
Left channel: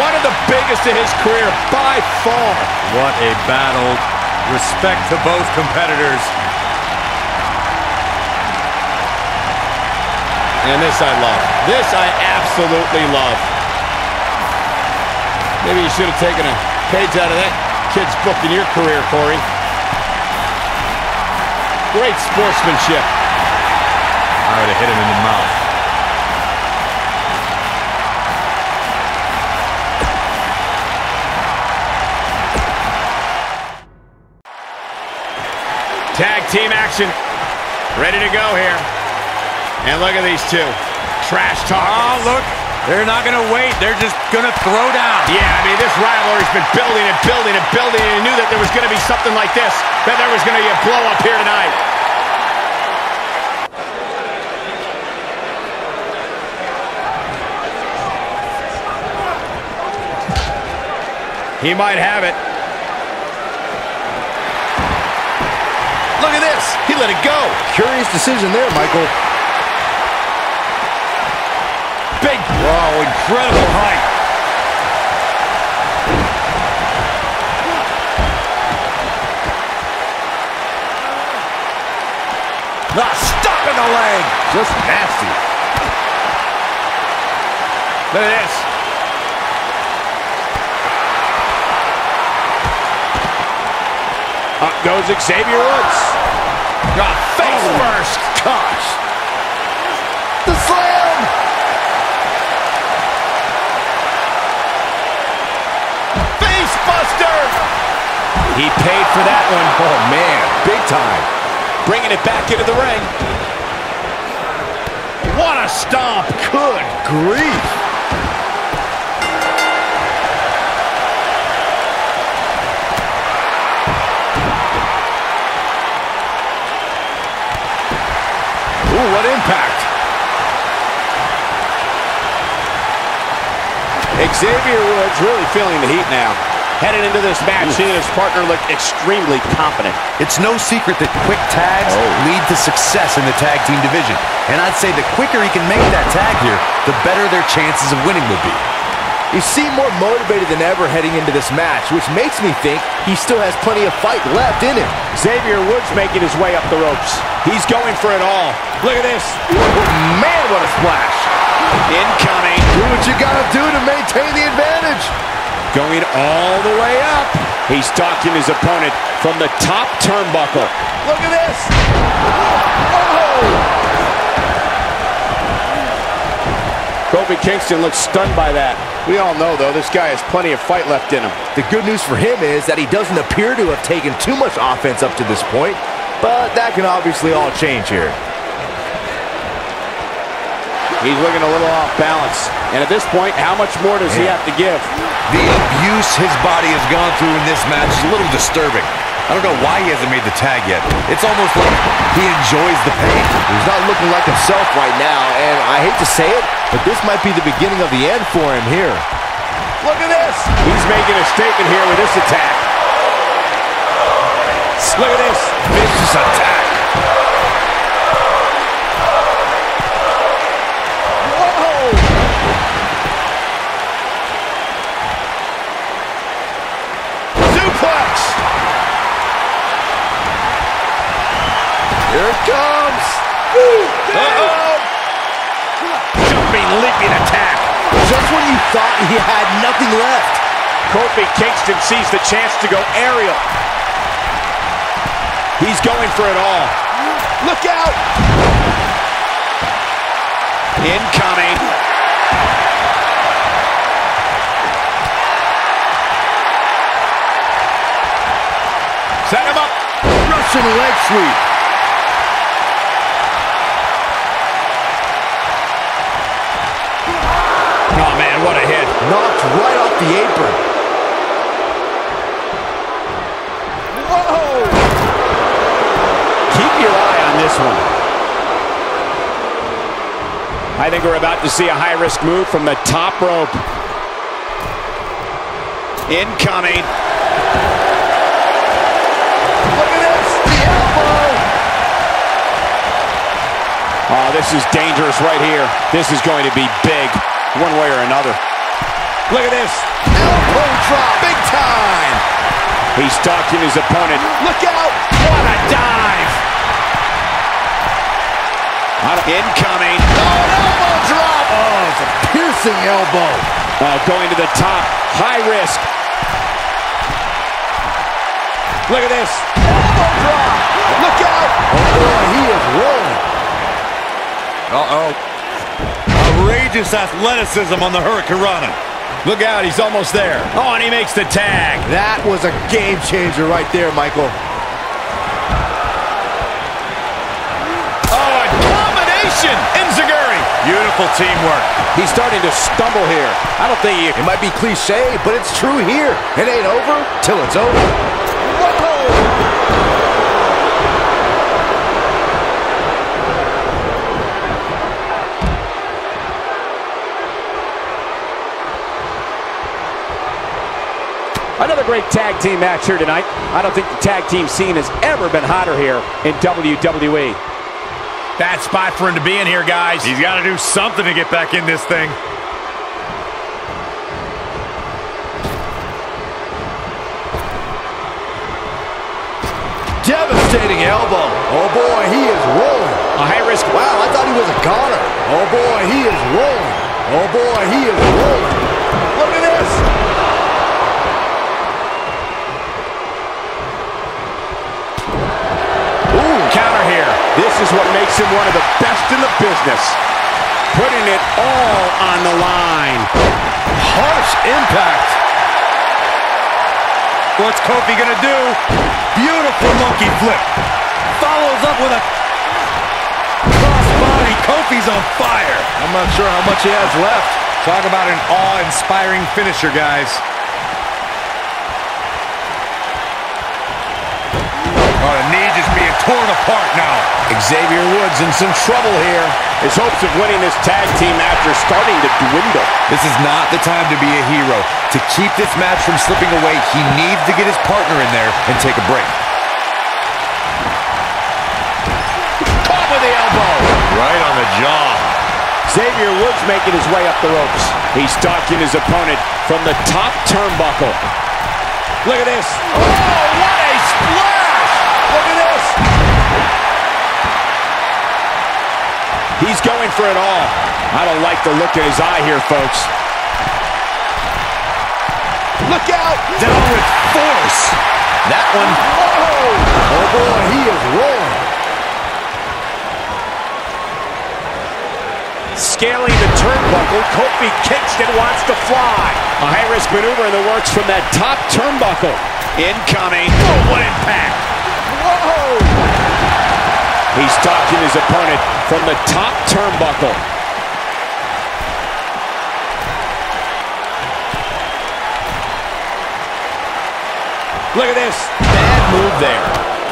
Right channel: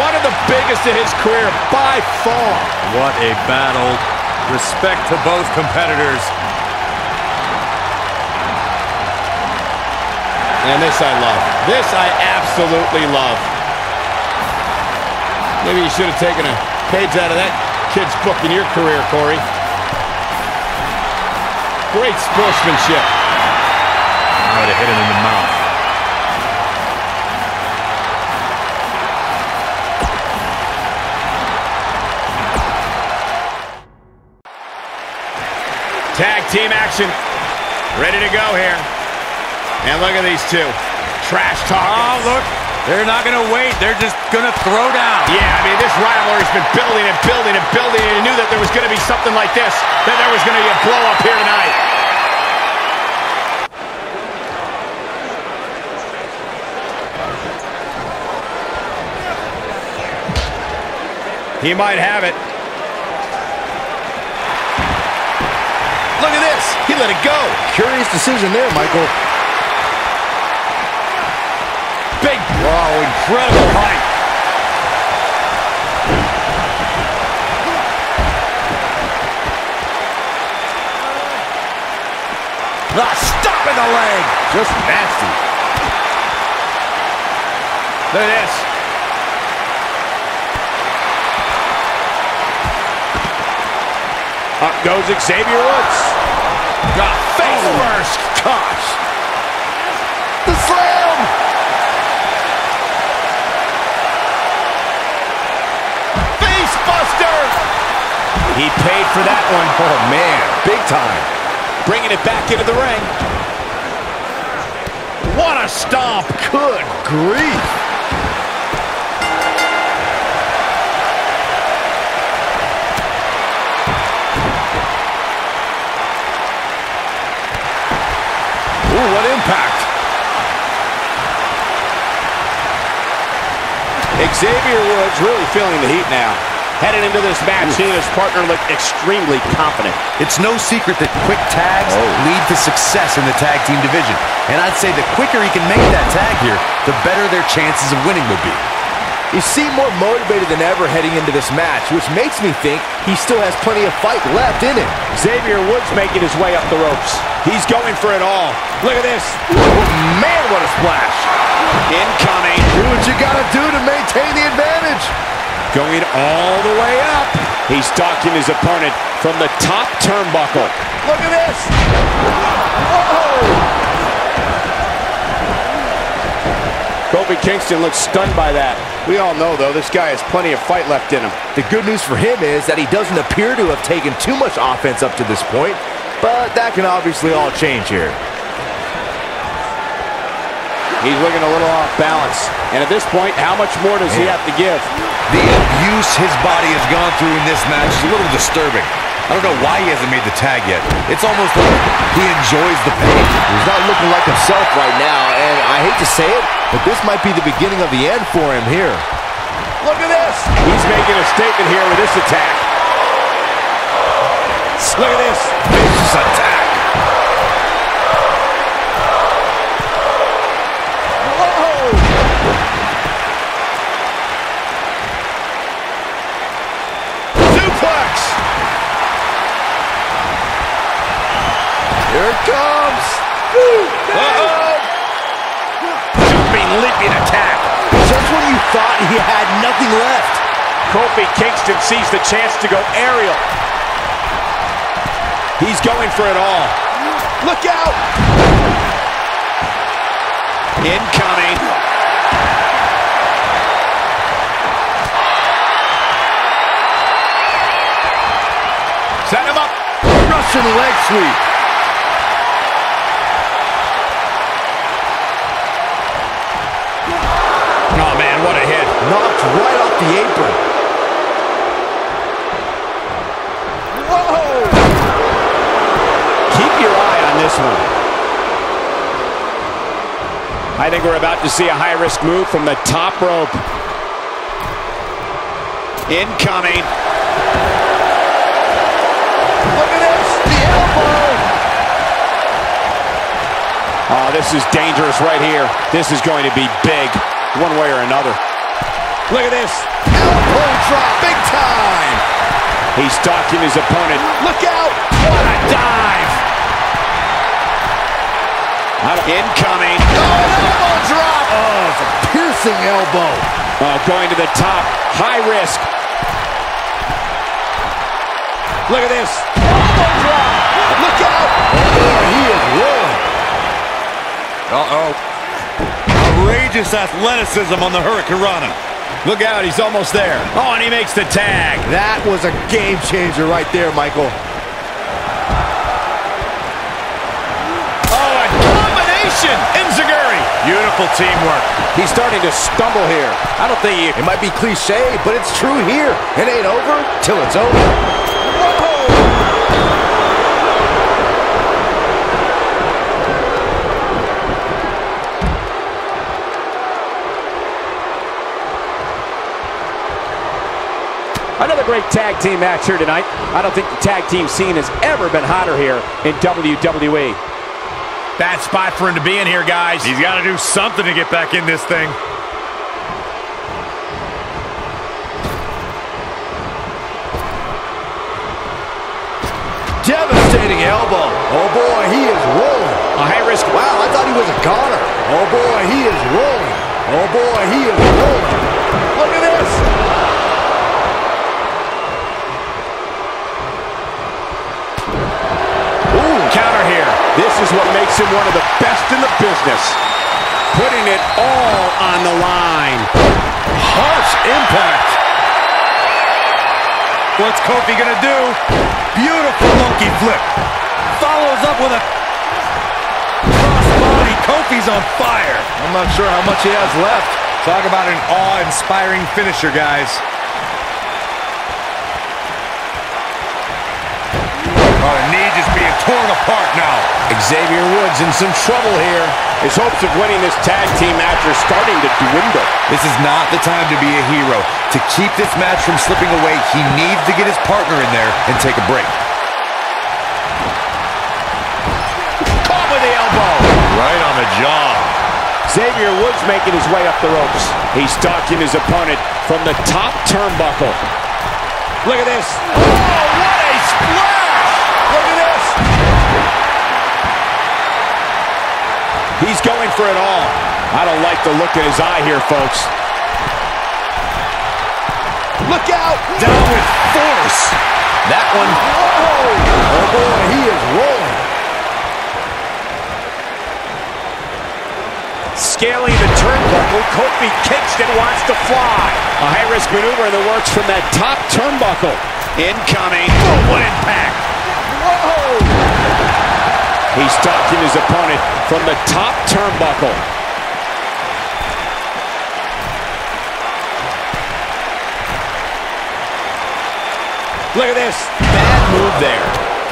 One of the biggest of his career by far. What a battle. Respect to both competitors. And this I love. This I absolutely love. Maybe you should have taken a page out of that kid's book in your career, Corey. Great sportsmanship. I would have hit him in the mouth. Tag team action. Ready to go here. And look at these two. Trash talking. Oh, look. They're not going to wait. They're just going to throw down. Yeah, I mean, this rivalry's been building and building and building, and you knew that there was going to be something like this, that there was going to be a blow-up here tonight. He might have it. Look at this. He let it go. Curious decision there, Michael. Big. Whoa, incredible height. Stop in the leg. Just nasty. Look at this. Up goes Xavier Woods. Face first. Gosh. The slam. Face buster. He paid for that one. Oh, man. Big time. Bringing it back into the ring. What a stomp. Good grief. Ooh, what impact. Xavier Woods really feeling the heat now. Headed into this match, he and his partner look extremely confident. It's no secret that quick tags lead to success in the tag team division. And I'd say the quicker he can make that tag here, the better their chances of winning will be. He seemed more motivated than ever heading into this match, which makes me think he still has plenty of fight left in him. Xavier Woods making his way up the ropes. He's going for it all. Look at this. Oh, man, what a splash. Incoming. Do what you gotta do to maintain the advantage. Going all the way up. He's stalking his opponent from the top turnbuckle. Look at this. Whoa! Kofi Kingston looks stunned by that. We all know, though, this guy has plenty of fight left in him. The good news for him is that he doesn't appear to have taken too much offense up to this point, but that can obviously all change here. He's looking a little off balance. And at this point, how much more does he have to give? The abuse his body has gone through in this match is a little disturbing. I don't know why he hasn't made the tag yet. It's almost like he enjoys the pain. He's not looking like himself right now, and I hate to say it, but this might be the beginning of the end for him here. Look at this. He's making a statement here with this attack. Look at this. Vicious attack. Whoa! Suplex. Here it comes. Uh-oh. Jumping, leaping attack. Just when you thought he had nothing left. Kofi Kingston sees the chance to go aerial. He's going for it all. Look out! Incoming. Set him up. Russian leg sweep. Oh, man, what a hit. Knocked right off the apron. Whoa! Keep your eye on this one. I think we're about to see a high-risk move from the top rope. Incoming. Look at this, the elbow. Oh, this is dangerous right here. This is going to be big, one way or another. Look at this. Elbow drop, big time. He's stalking his opponent. Look out. What a dive. Incoming. Oh, an elbow drop. Oh, it's a piercing elbow. Oh, going to the top. High risk. Look at this. Elbow drop. Look out. Oh, boy, he is rolling. Uh-oh. Outrageous athleticism on the Hurricanrana. Look out, he's almost there. Oh, and he makes the tag. That was a game changer right there, Michael. Oh, a combination. Enziguri. Beautiful teamwork. He's starting to stumble here. I don't think It might be cliche, but it's true here. It ain't over till it's over. Whoa! Another great tag team match here tonight. I don't think the tag team scene has ever been hotter here in WWE. Bad spot for him to be in here, guys. He's got to do something to get back in this thing. Devastating elbow. Oh, boy, he is rolling. A high-risk. Wow, I thought he was a goner. Oh, boy, he is rolling. Oh, boy, he is rolling. Look at this. Ooh, counter here. This is what makes him one of the best in the business. Putting it all on the line. Harsh impact. What's Kofi gonna do? Beautiful monkey flip. Follows up with a crossbody. Kofi's on fire. I'm not sure how much he has left. Talk about an awe-inspiring finisher, guys. Oh, the knee just being torn apart now. Xavier Woods in some trouble here. His hopes of winning this tag team match are starting to dwindle. This is not the time to be a hero. To keep this match from slipping away, he needs to get his partner in there and take a break. Caught with the elbow. Right on the jaw. Xavier Woods making his way up the ropes. He's stalking his opponent from the top turnbuckle. Look at this. Oh, what a splash! Look at this. He's going for it all. I don't like the look in his eye here, folks. Look out. Down with force. That one. Whoa. Oh, boy, he is rolling. Scaling the turnbuckle, Kofi Kingston wants to fly. A high-risk maneuver in the works from that top turnbuckle. Incoming. Oh, what impact. Whoa. He's stalking his opponent from the top turnbuckle. Look at this. Bad move there.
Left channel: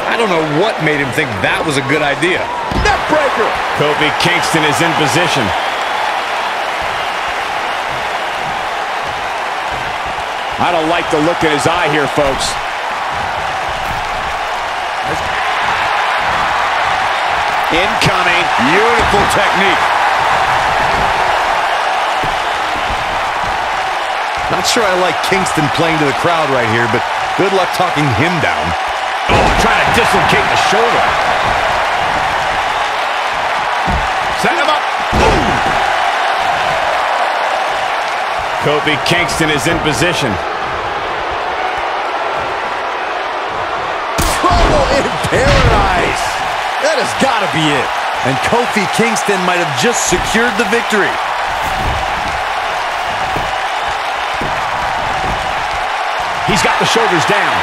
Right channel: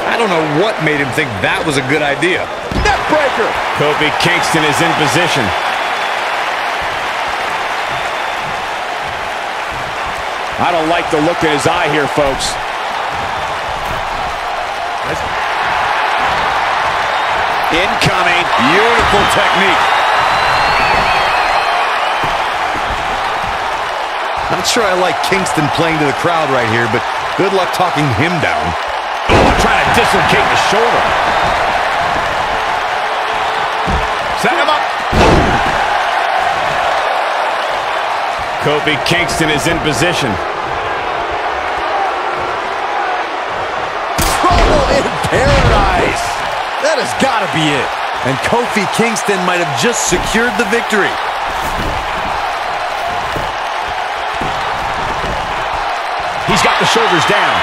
I don't know what made him think that was a good idea. Neckbreaker. Kofi Kingston is in position. I don't like the look in his eye here, folks. Incoming. Beautiful technique. Not sure I like Kingston playing to the crowd right here, but good luck talking him down. Oh, trying to dislocate the shoulder. Set him up. Boom. Kofi Kingston is in position. Trouble in paradise. That has got to be it. And Kofi Kingston might have just secured the victory. He's got the shoulders down.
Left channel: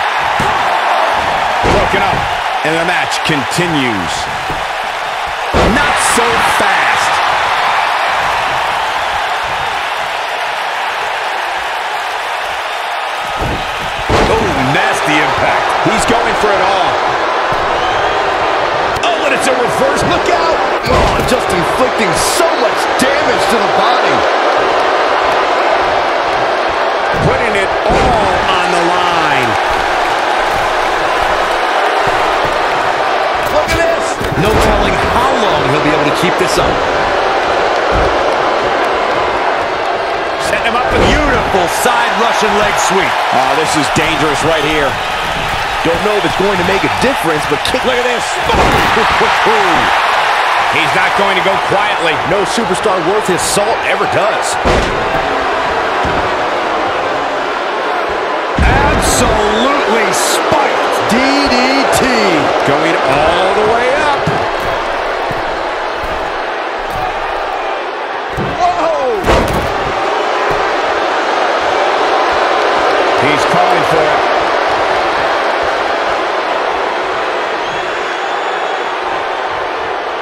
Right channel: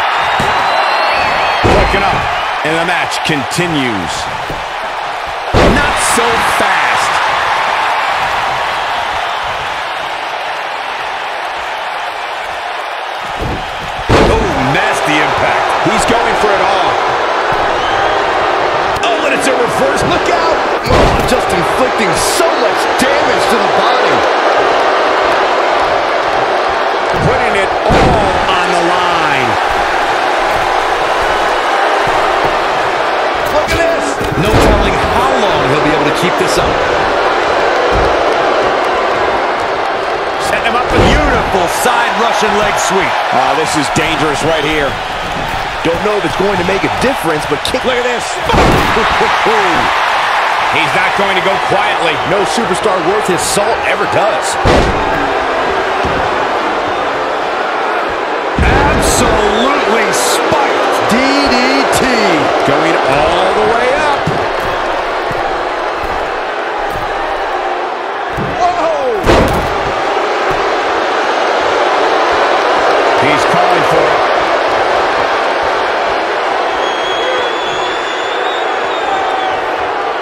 Broken up. And the match continues. Not so fast. Oh, nasty impact. He's going for it all. Oh, what a it's a reverse. Look out! Oh, just inflicting so much damage to the body. Putting it all on the line. Look at this! No telling how long he'll be able to keep this up. Setting him up with Beautiful side Russian leg sweep. Oh, this is dangerous right here. Don't know if it's going to make a difference, but kick. Look at this. He's not going to go quietly. No superstar worth his salt ever does. Absolutely spiked. DDT. Going all the way up. Whoa! He's calling for it.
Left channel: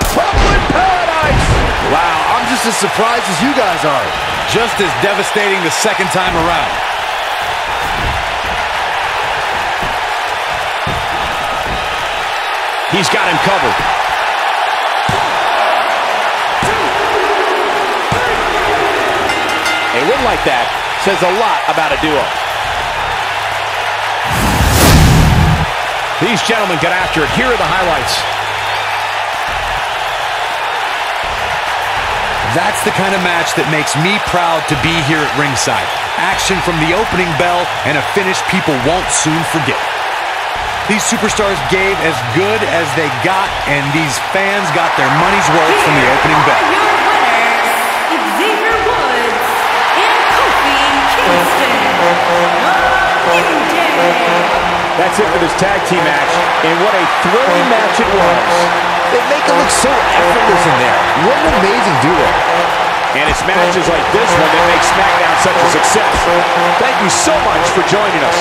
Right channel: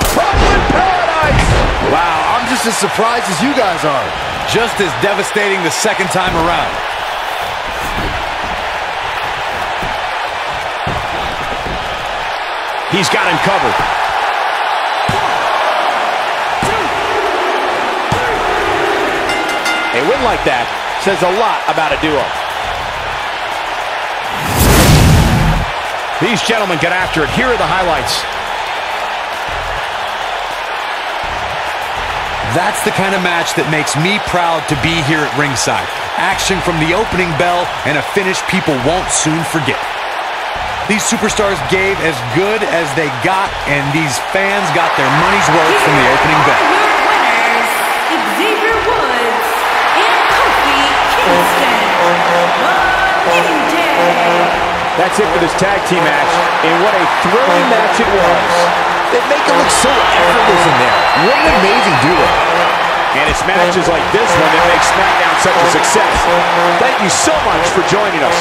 Trouble in paradise. Wow, I'm just as surprised as you guys are. Just as devastating the second time around. He's got him covered. 1, 2, 3. A win like that says a lot about a duo. These gentlemen get after it. Here are the highlights. That's the kind of match that makes me proud to be here at ringside. Action from the opening bell and a finish people won't soon forget. These superstars gave as good as they got, and these fans got their money's worth from the opening bell. Here are your winners, Xavier Woods and Kofi Kingston, the New Day. That's it for this tag team match, and what a thrilling match it was. They make it look so effortless in there. What an amazing duo. And it's matches like this one that make Smackdown such a success. Thank you so much for joining us.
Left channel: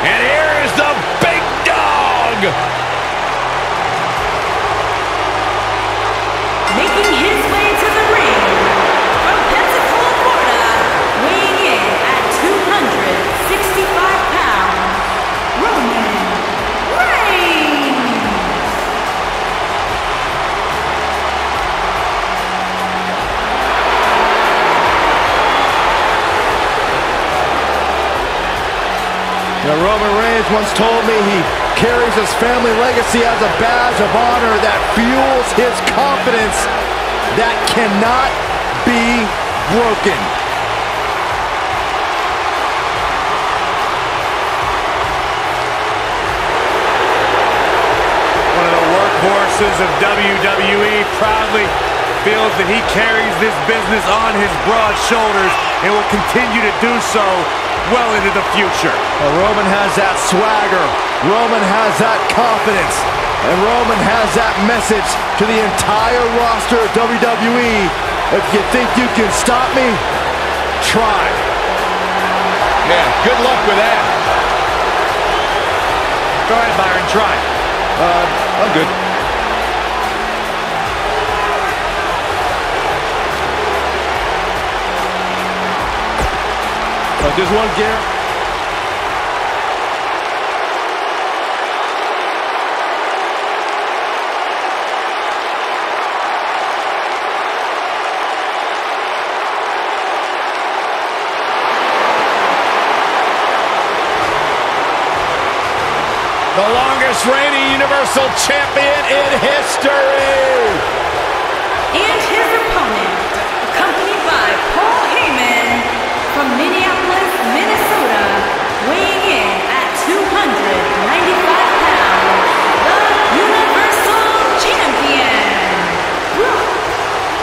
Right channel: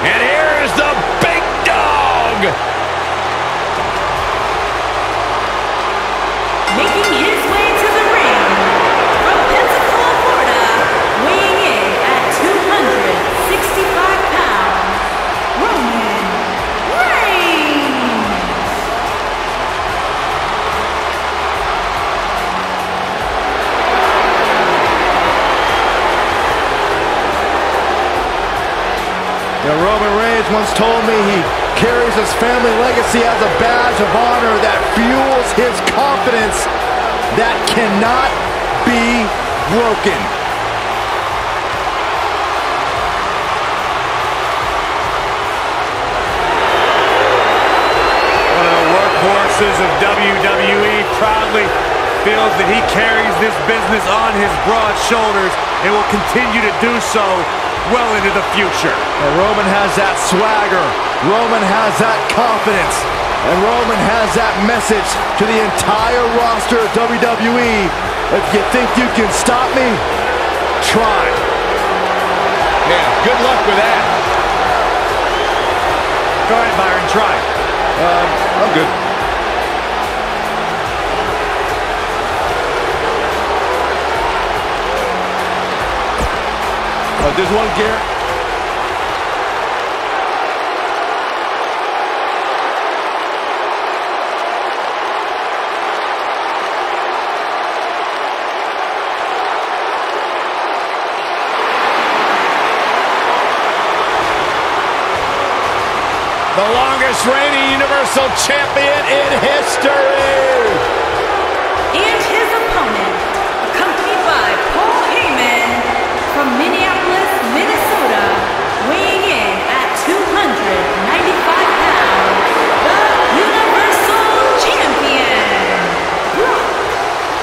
And here's the big dog. Making his way to the ring from Pensacola, Florida, weighing in at 265 pounds, Roman Reigns. Roman Reigns once told me he carries his family legacy as a badge of honor that fuels his confidence that cannot be broken. One of the workhorses of WWE proudly feels that he carries this business on his broad shoulders and will continue to do so well into the future. Well, Roman has that swagger. Roman has that confidence. And Roman has that message to the entire roster of WWE. If you think you can stop me, try. Yeah, good luck with that. Go ahead, Byron, try. I'm good. There's one, Garrett. The longest reigning Universal Champion in history. And his opponent, accompanied by Paul Heyman from Minneapolis, Minnesota, weighing in at 295 pounds, the Universal Champion, Brock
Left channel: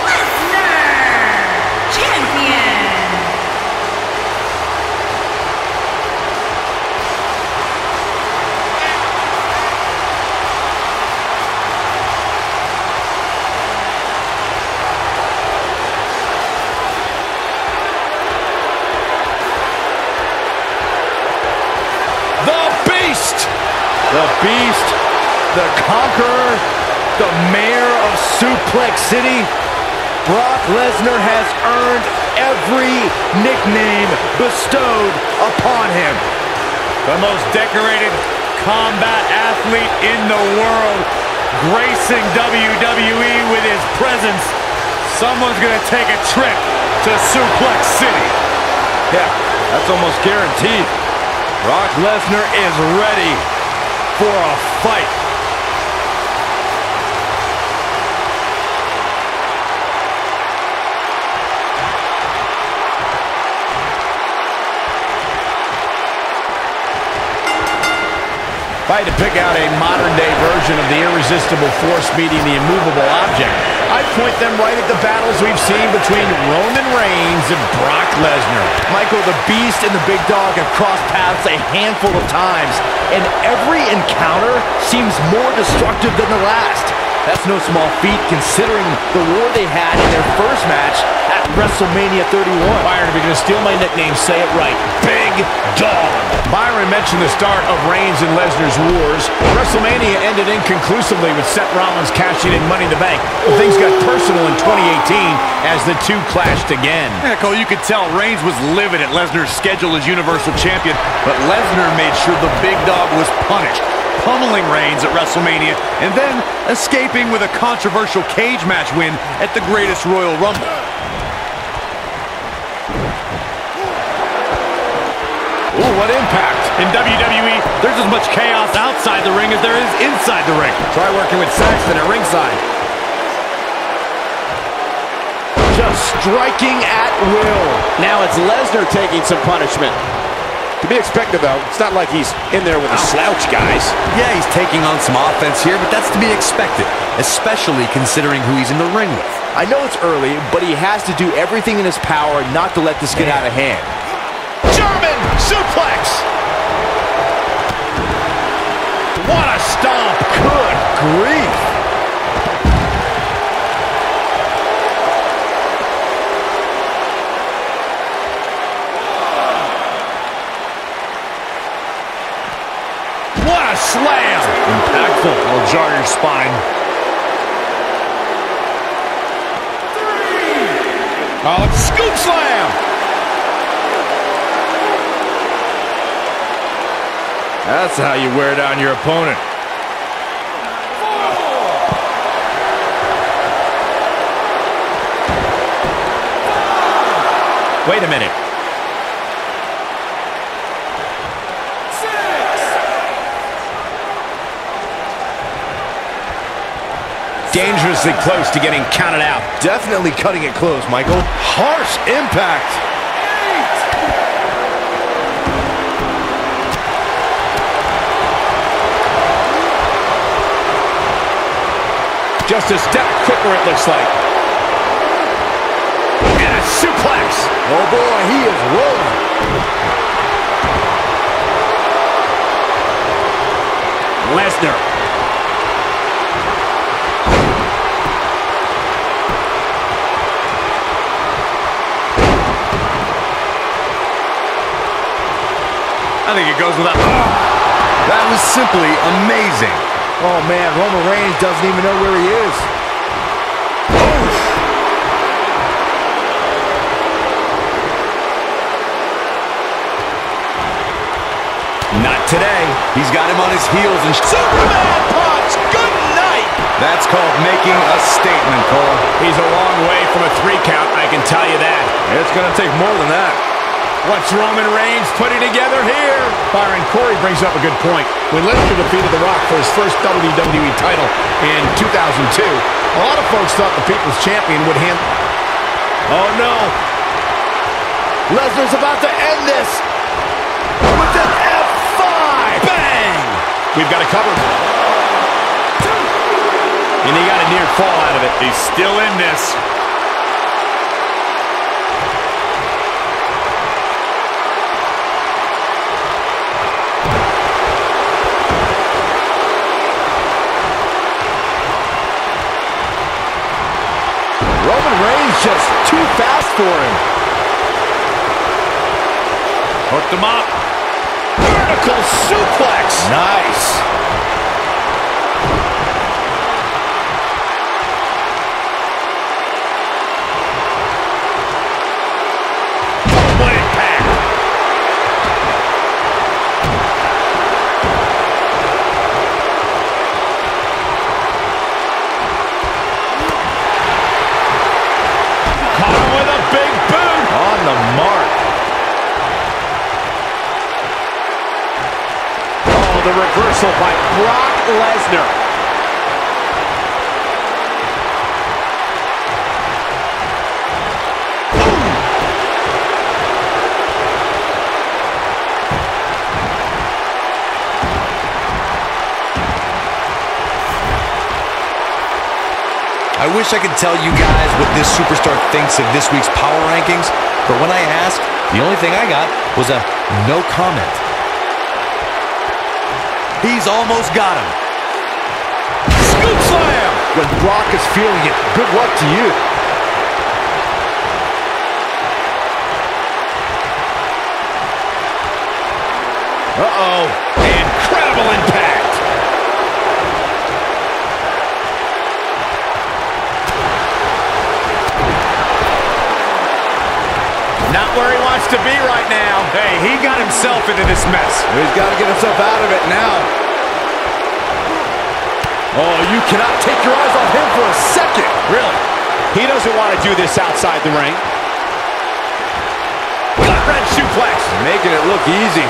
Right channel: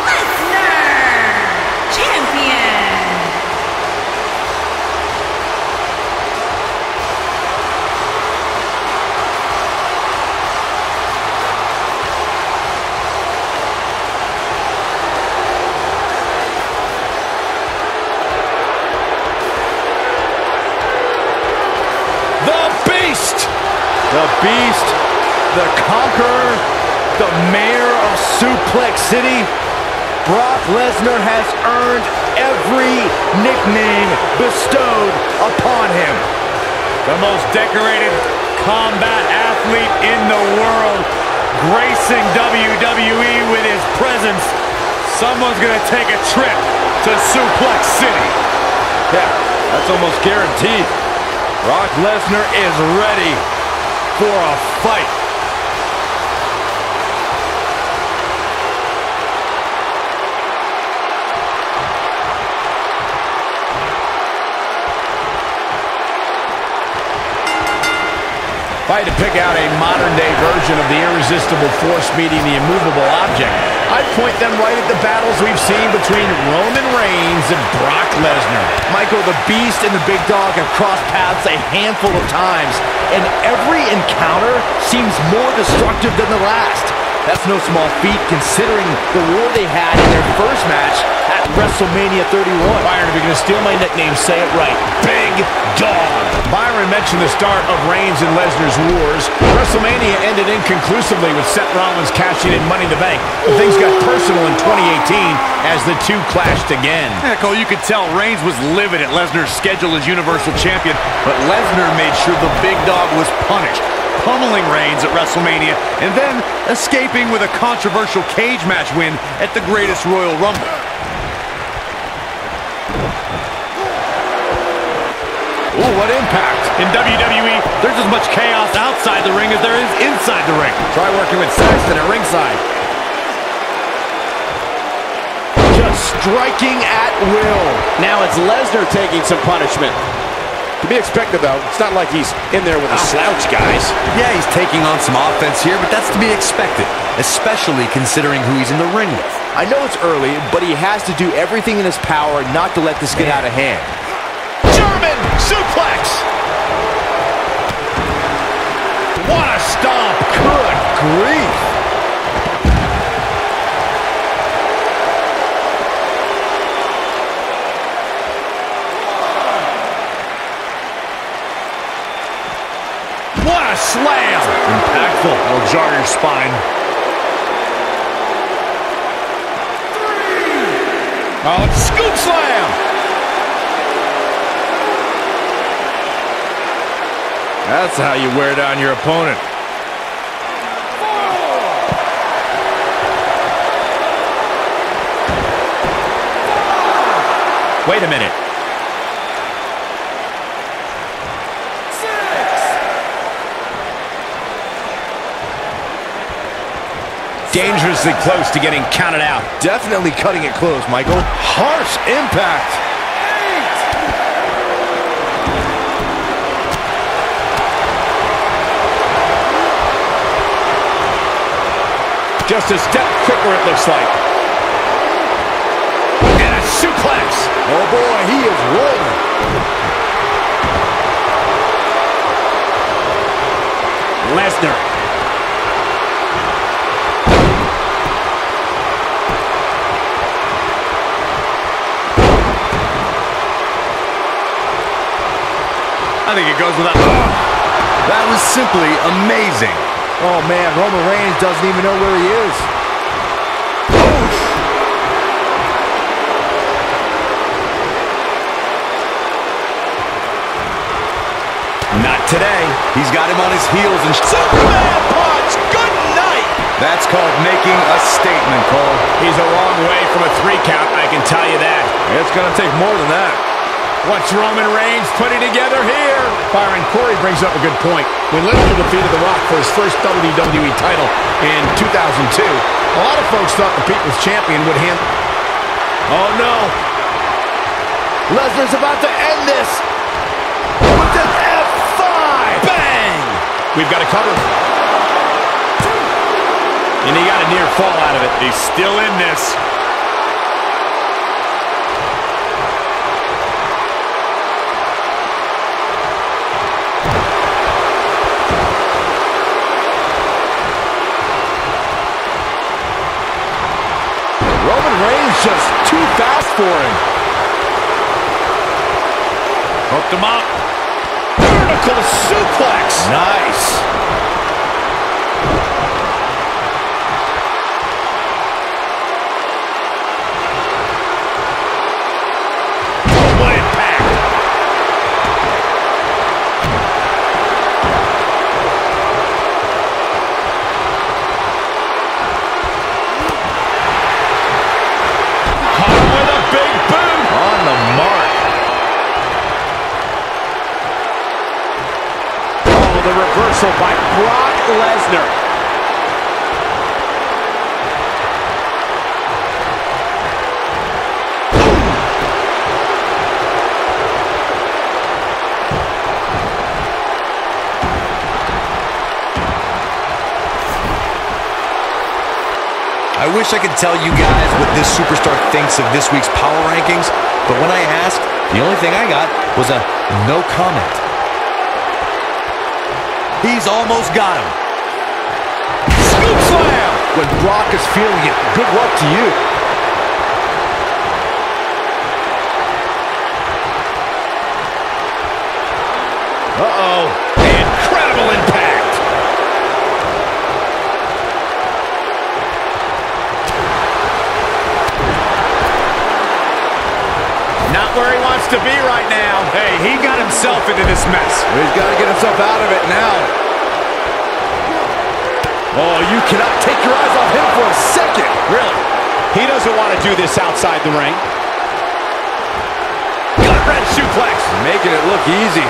Lesnar, Champion. The Beast, The Beast, the Conqueror, the Mayor of Suplex City. Brock Lesnar has earned every nickname bestowed upon him. The most decorated combat athlete in the world, gracing WWE with his presence. Someone's gonna take a trip to Suplex City. Yeah, that's almost guaranteed. Brock Lesnar is ready for a fight. If I had to pick out a modern-day version of the irresistible force meeting the immovable object, I'd point them right at the battles we've seen between Roman Reigns and Brock Lesnar. Michael, the Beast and the Big Dog have crossed paths a handful of times, and every encounter seems more destructive than the last. That's no small feat considering the war they had in their first match at WrestleMania 31. Byron, if you're going to steal my nickname, say it right. Big Dog. Byron mentioned the start of Reigns and Lesnar's wars. WrestleMania ended inconclusively with Seth Rollins cashing in Money in the Bank. But things got personal in 2018 as the two clashed again. Yeah, Cole, you could tell Reigns was livid at Lesnar's schedule as Universal Champion, but Lesnar made sure the Big Dog was punished, pummeling Reigns at WrestleMania, and then escaping with a controversial cage match win at the Greatest Royal Rumble. Ooh, what impact. In WWE, there's as much chaos outside the ring as there is inside the ring. Try working with Saxton at ringside. Just striking at will. Now it's Lesnar taking some punishment. To be expected, though. It's not like he's in there with a slouch, guys. Yeah, he's taking on some offense here, but that's to be expected, especially considering who he's in the ring with. I know it's early, but he has to do everything in his power not to let this get out of hand. German suplex. What a stomp. Good grief. What a slam. Impactful. It'll jar your spine. Oh, scoop slam. That's how you wear down your opponent. Wait a minute. 6. Dangerously close to getting counted out. Definitely cutting it close, Michael. Harsh impact. 8. Just a step quicker, it looks like. And a suplex. Oh boy, he is rolling. Lesnar. I think it goes without... Oh, that was simply amazing. Oh man, Roman Reigns doesn't even know where he is. Not today. He's got him on his heels and... Superman punch! Good night! That's called making a statement, Cole. He's a long way from a 3 count, I can tell you that. It's going to take more than that. What's Roman Reigns putting together here? Byron, Corey brings up a good point. When Lesnar defeated The Rock for his first WWE title in 2002, a lot of folks thought the People's Champion would handle... Oh, no. Lesnar's about to end this with an F5. Bang! We've got it covered. And he got a near fall out of it. He's still in this. Roman Reigns just too fast for him. Hooked him up. Vertical suplex. Nice. What impact. Caught him with a big boot. On the mark. Oh, the reversal by Brock Lesnar. I wish I could tell you guys what this superstar thinks of this week's power rankings, but when I asked, the only thing I got was a no comment. He's almost got him. Scoop slam! When Brock is feeling it, good luck to you. Uh-oh. Incredible impact. Not where he wants to be right now. Hey, he got himself into this mess. He's got to get himself out of it now. Oh, you cannot take your eyes off him for a second. Really? He doesn't want to do this outside the ring. Gut-wrench suplex. Making it look easy.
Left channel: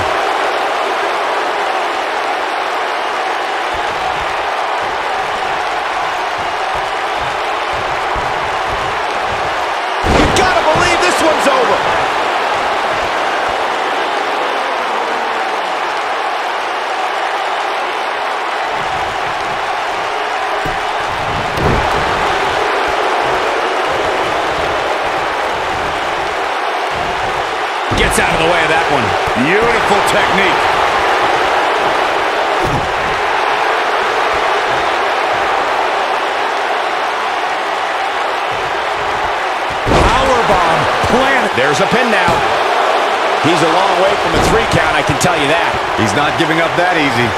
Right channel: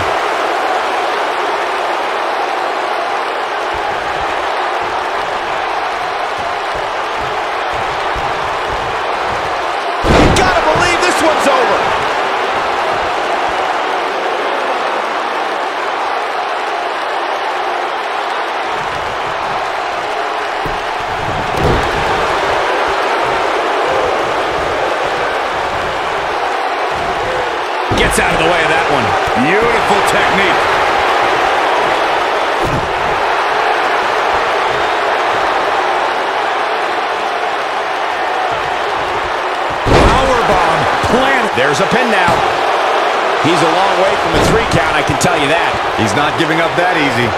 You gotta believe this one's over. Gets out of the way of that one. Beautiful technique. Powerbomb planted. There's a pin now. He's a long way from a 3 count, I can tell you that. He's not giving up that easy.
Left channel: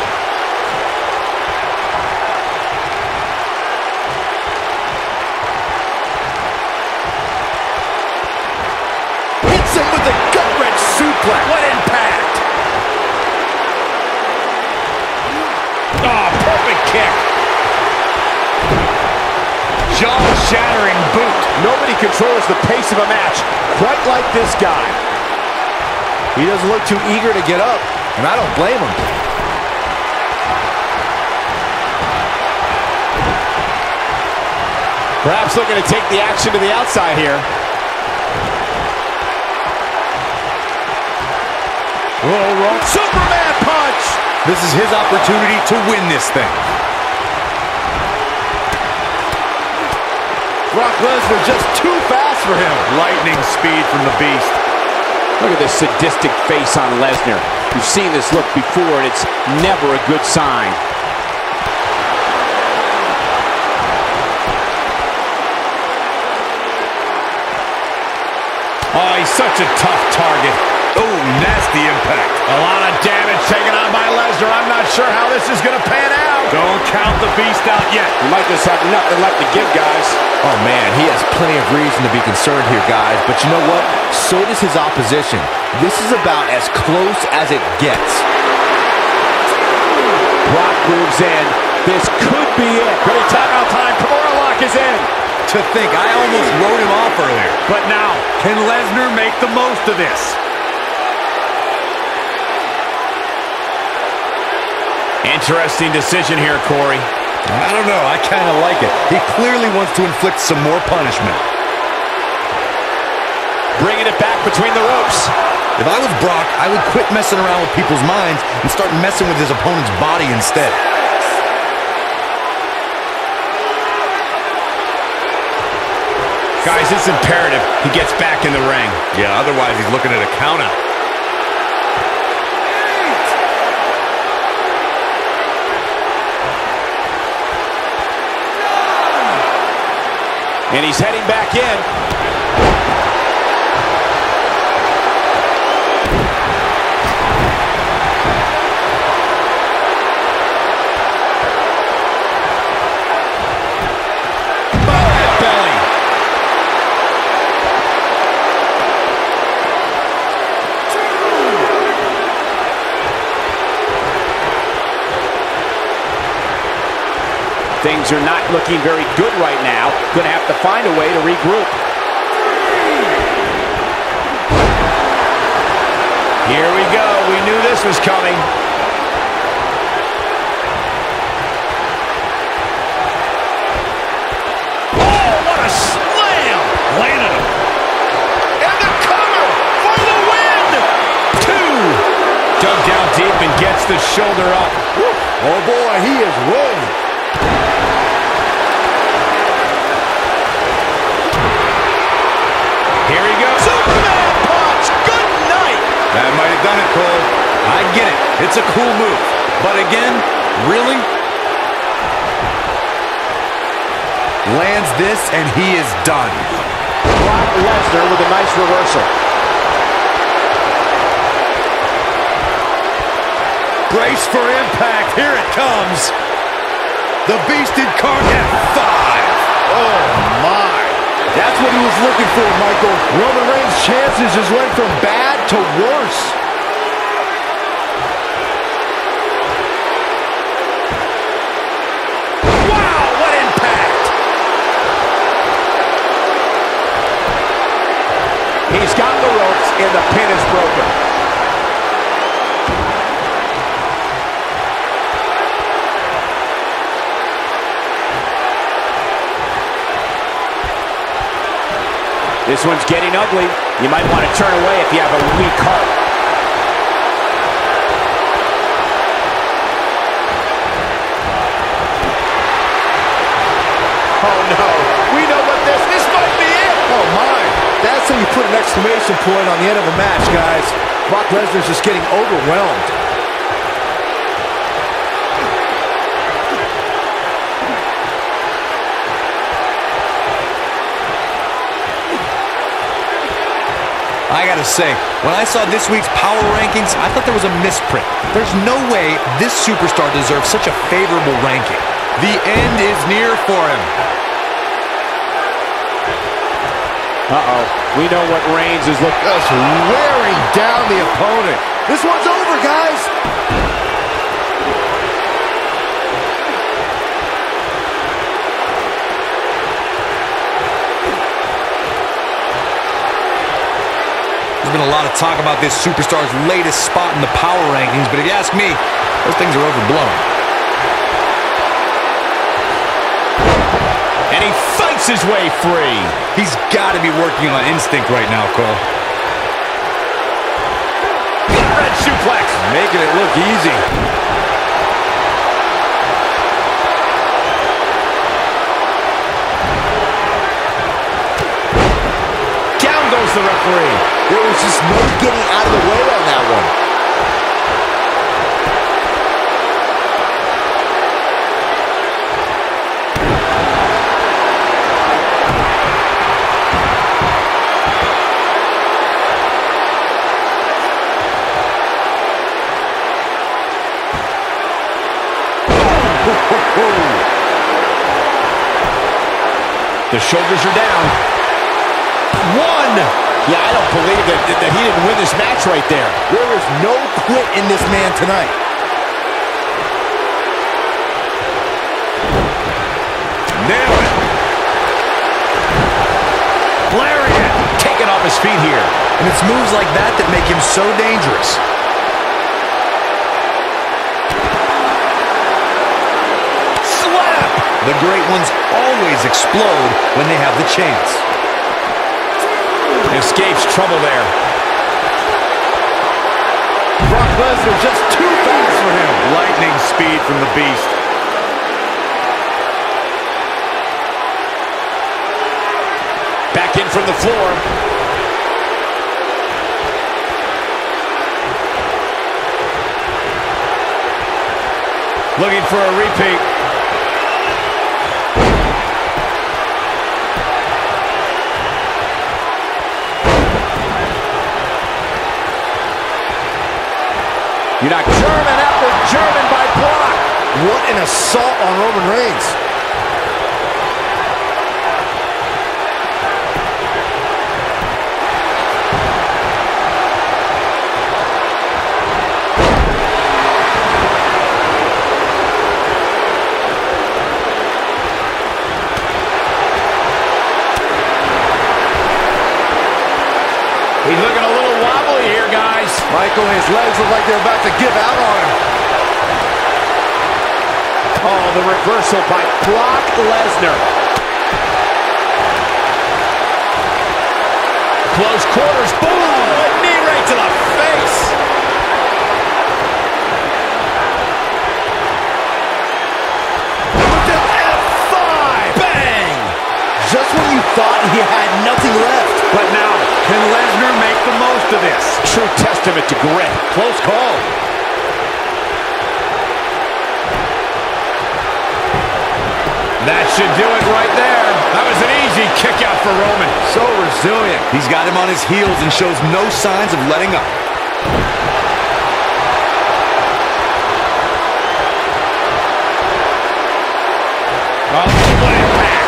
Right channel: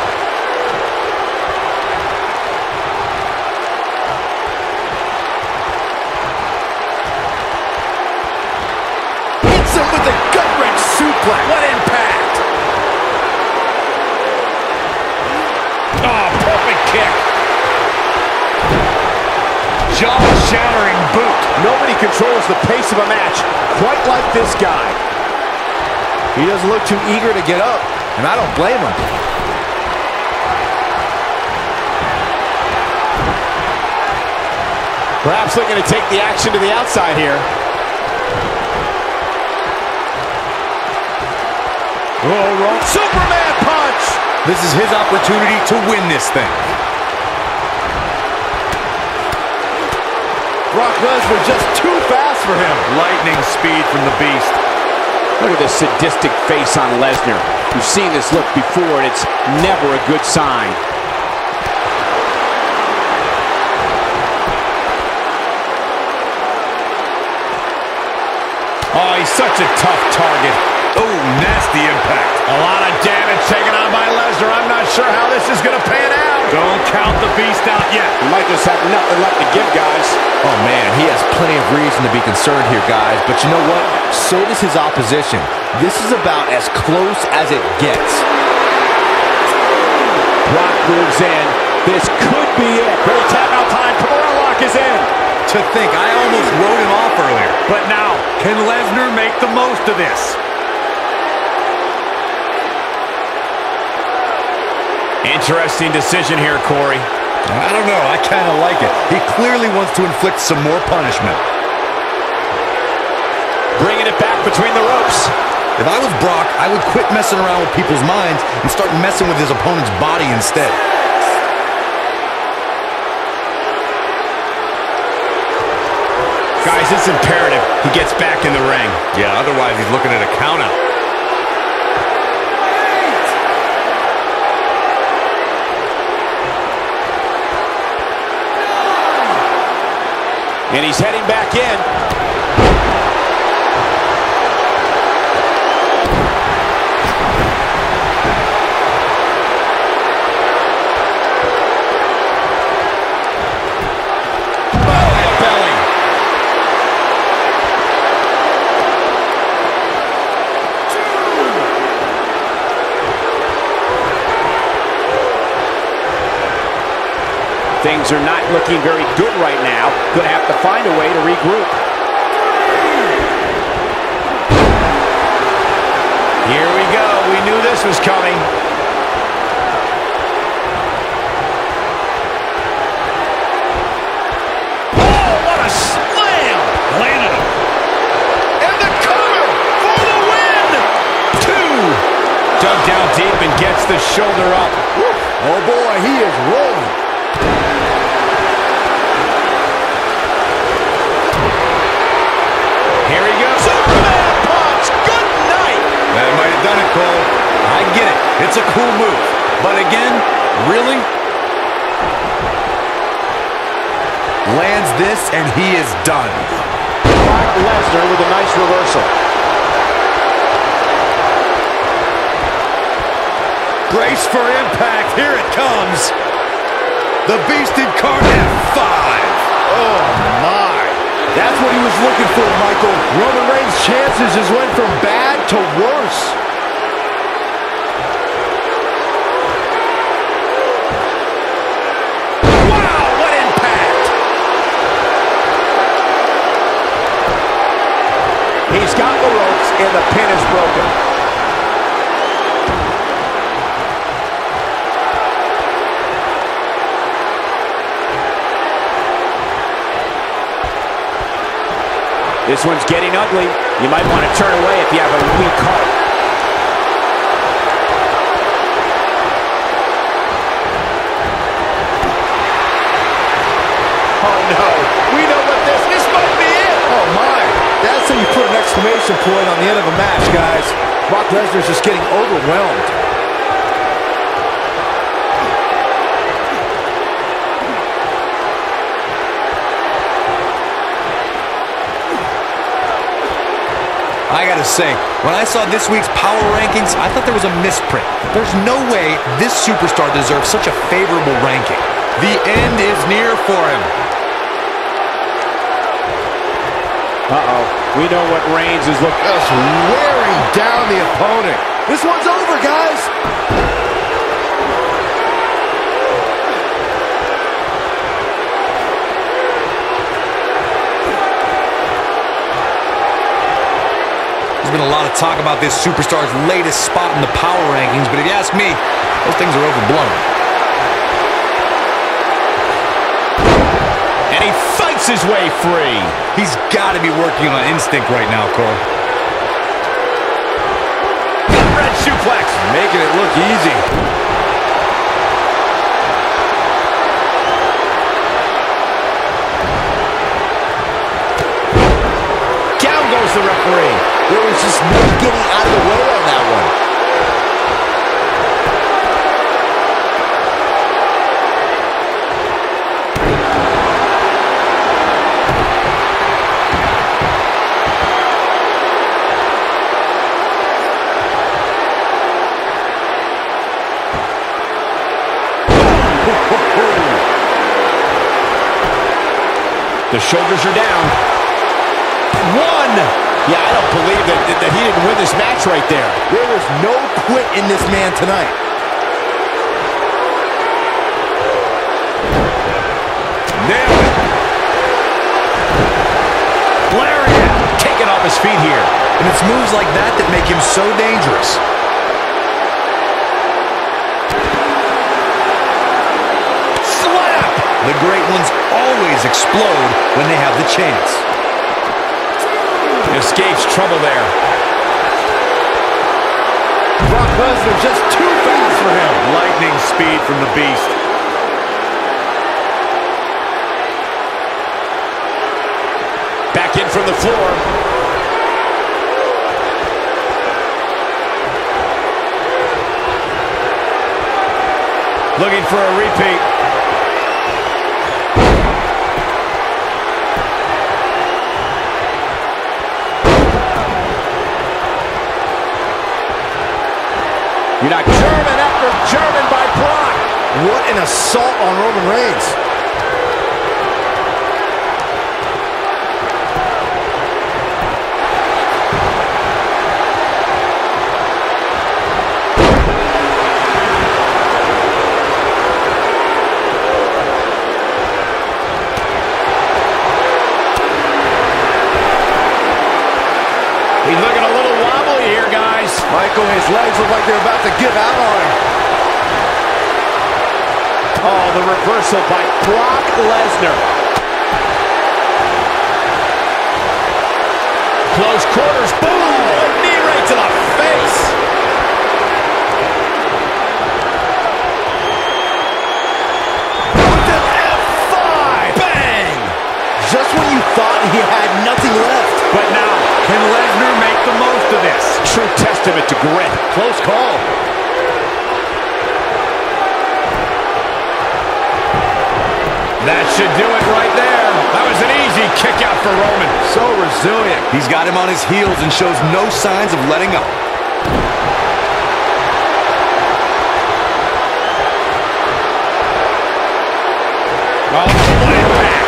With a gut-wrench suplex. What impact! Oh, perfect kick. Jaw-shattering boot. Nobody controls the pace of a match quite like this guy. He doesn't look too eager to get up, and I don't blame him. Perhaps looking to take the action to the outside here. Oh, wrong. Superman punch! This is his opportunity to win this thing. Brock Lesnar just too fast for him. Lightning speed from the Beast. Look at this sadistic face on Lesnar. We've seen this look before, and it's never a good sign. Oh, he's such a tough target. Oh, nasty impact. A lot of damage taken on by Lesnar. I'm not sure how this is going to pan out. Don't count the Beast out yet. He might just have nothing left to give, guys. Oh, man, he has plenty of reason to be concerned here, guys. But you know what? So does his opposition. This is about as close as it gets. Brock moves in. This could be it. Ready, tap out time. Kimura lock is in. To think, I almost wrote him off earlier. But now, can Lesnar make the most of this? Interesting decision here, Corey. I don't know. I kind of like it. He clearly wants to inflict some more punishment. Bringing it back between the ropes. If I was Brock, I would quit messing around with people's minds and start messing with his opponent's body instead. Guys, it's imperative he gets back in the ring. Yeah, otherwise he's looking at a countout. And he's heading back in. Things are not looking very good right now. Gonna have to find a way to regroup. Here we go. We knew this was coming. Oh, what a slam! Landed him. And the cover for the win! 2. Dug down deep and gets the shoulder up. Woo. Oh boy, he is rolling. Here he goes. Superman punch! Good night! That might have done it, Cole. I get it. It's a cool move. But again, really? Lands this, and he is done. Brock Lesnar with a nice reversal. Brace for impact. Here it comes. The Beast Incarnate F5. Oh, my. That's what he was looking for, Michael. Roman Reigns' chances just went from bad to worse. Wow, what impact! He's got the ropes, and the pin is broken. This one's getting ugly. You might want to turn away if you have a weak heart. Oh no, we know what this might be it. Oh my, that's how you put an exclamation point on the end of a match, guys. Brock Lesnar's just getting overwhelmed. I gotta say, when I saw this week's power rankings, I thought there was a misprint. There's no way this superstar deserves such a favorable ranking. The end is near for him. Uh-oh. We know what Reigns is looking. Just wearing down the opponent. This one's over, guys. There's been a lot of talk about this superstar's latest spot in the power rankings, but if you ask me, those things are overblown. And he fights his way free. He's got to be working on instinct right now, Cole. Red suplex. Making it look easy. Down goes the referee. There was just no getting out of the way on that one. The shoulders are down. 1. Yeah, I don't believe that he didn't win this match right there. There is no quit in this man tonight. Nailed it. Lariat. Taken off his feet here. And it's moves like that that make him so dangerous. Slap. The great ones always explode when they have the chance. Escapes trouble there. Brock Lesnar just too fast for him. Lightning speed from the Beast. Back in from the floor. Looking for a repeat. You're not German after German by Brock. What an assault on Roman Reigns. Michael, his legs look like they're about to give out on him. Oh, the reversal by Brock Lesnar. Close quarters, boom! Oh, a knee right to the face. With an F5, bang! Just when you thought he had nothing left. But now, can Lesnar make the most of this? True testament to grit. Close call. That should do it right there. That was an easy kick out for Roman. So resilient. He's got him on his heels and shows no signs of letting up. Oh, what impact.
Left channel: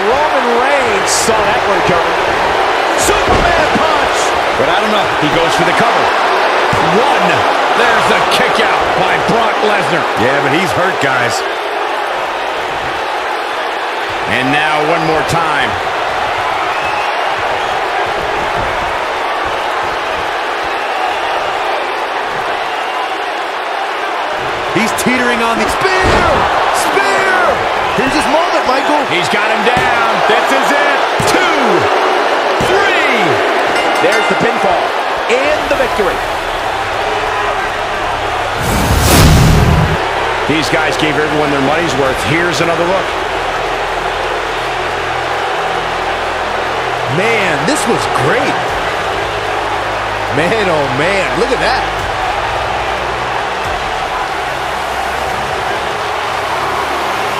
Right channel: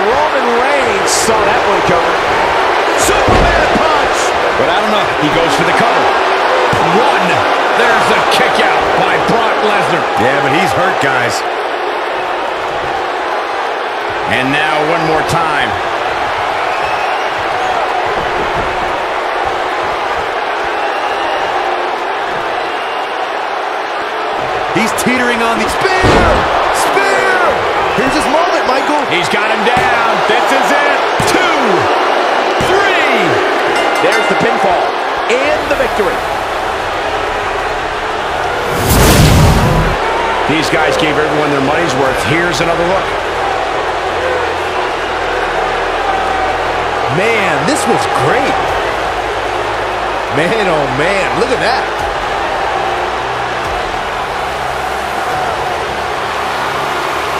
Roman Reigns saw that one coming. Superman punch! But I don't know. He goes for the cover. One. There's the kick out by Brock Lesnar. Yeah, but he's hurt, guys. And now one more time. He's teetering on the Spear! Spear! Here's his moment, Michael. He's got him down. This is it. 2, 3. There's the pinfall and the victory. These guys gave everyone their money's worth. Here's another look. Man, this was great. Man, oh man, look at that.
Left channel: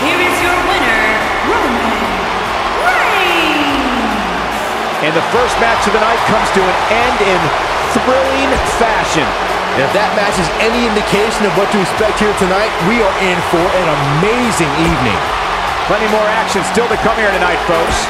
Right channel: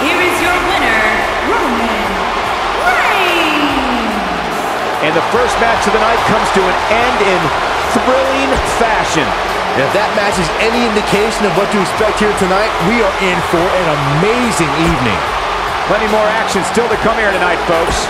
Here is your winner, Roman Reigns. And the first match of the night comes to an end in thrilling fashion. And if that match is any indication of what to expect here tonight, we are in for an amazing evening. Plenty more action still to come here tonight, folks.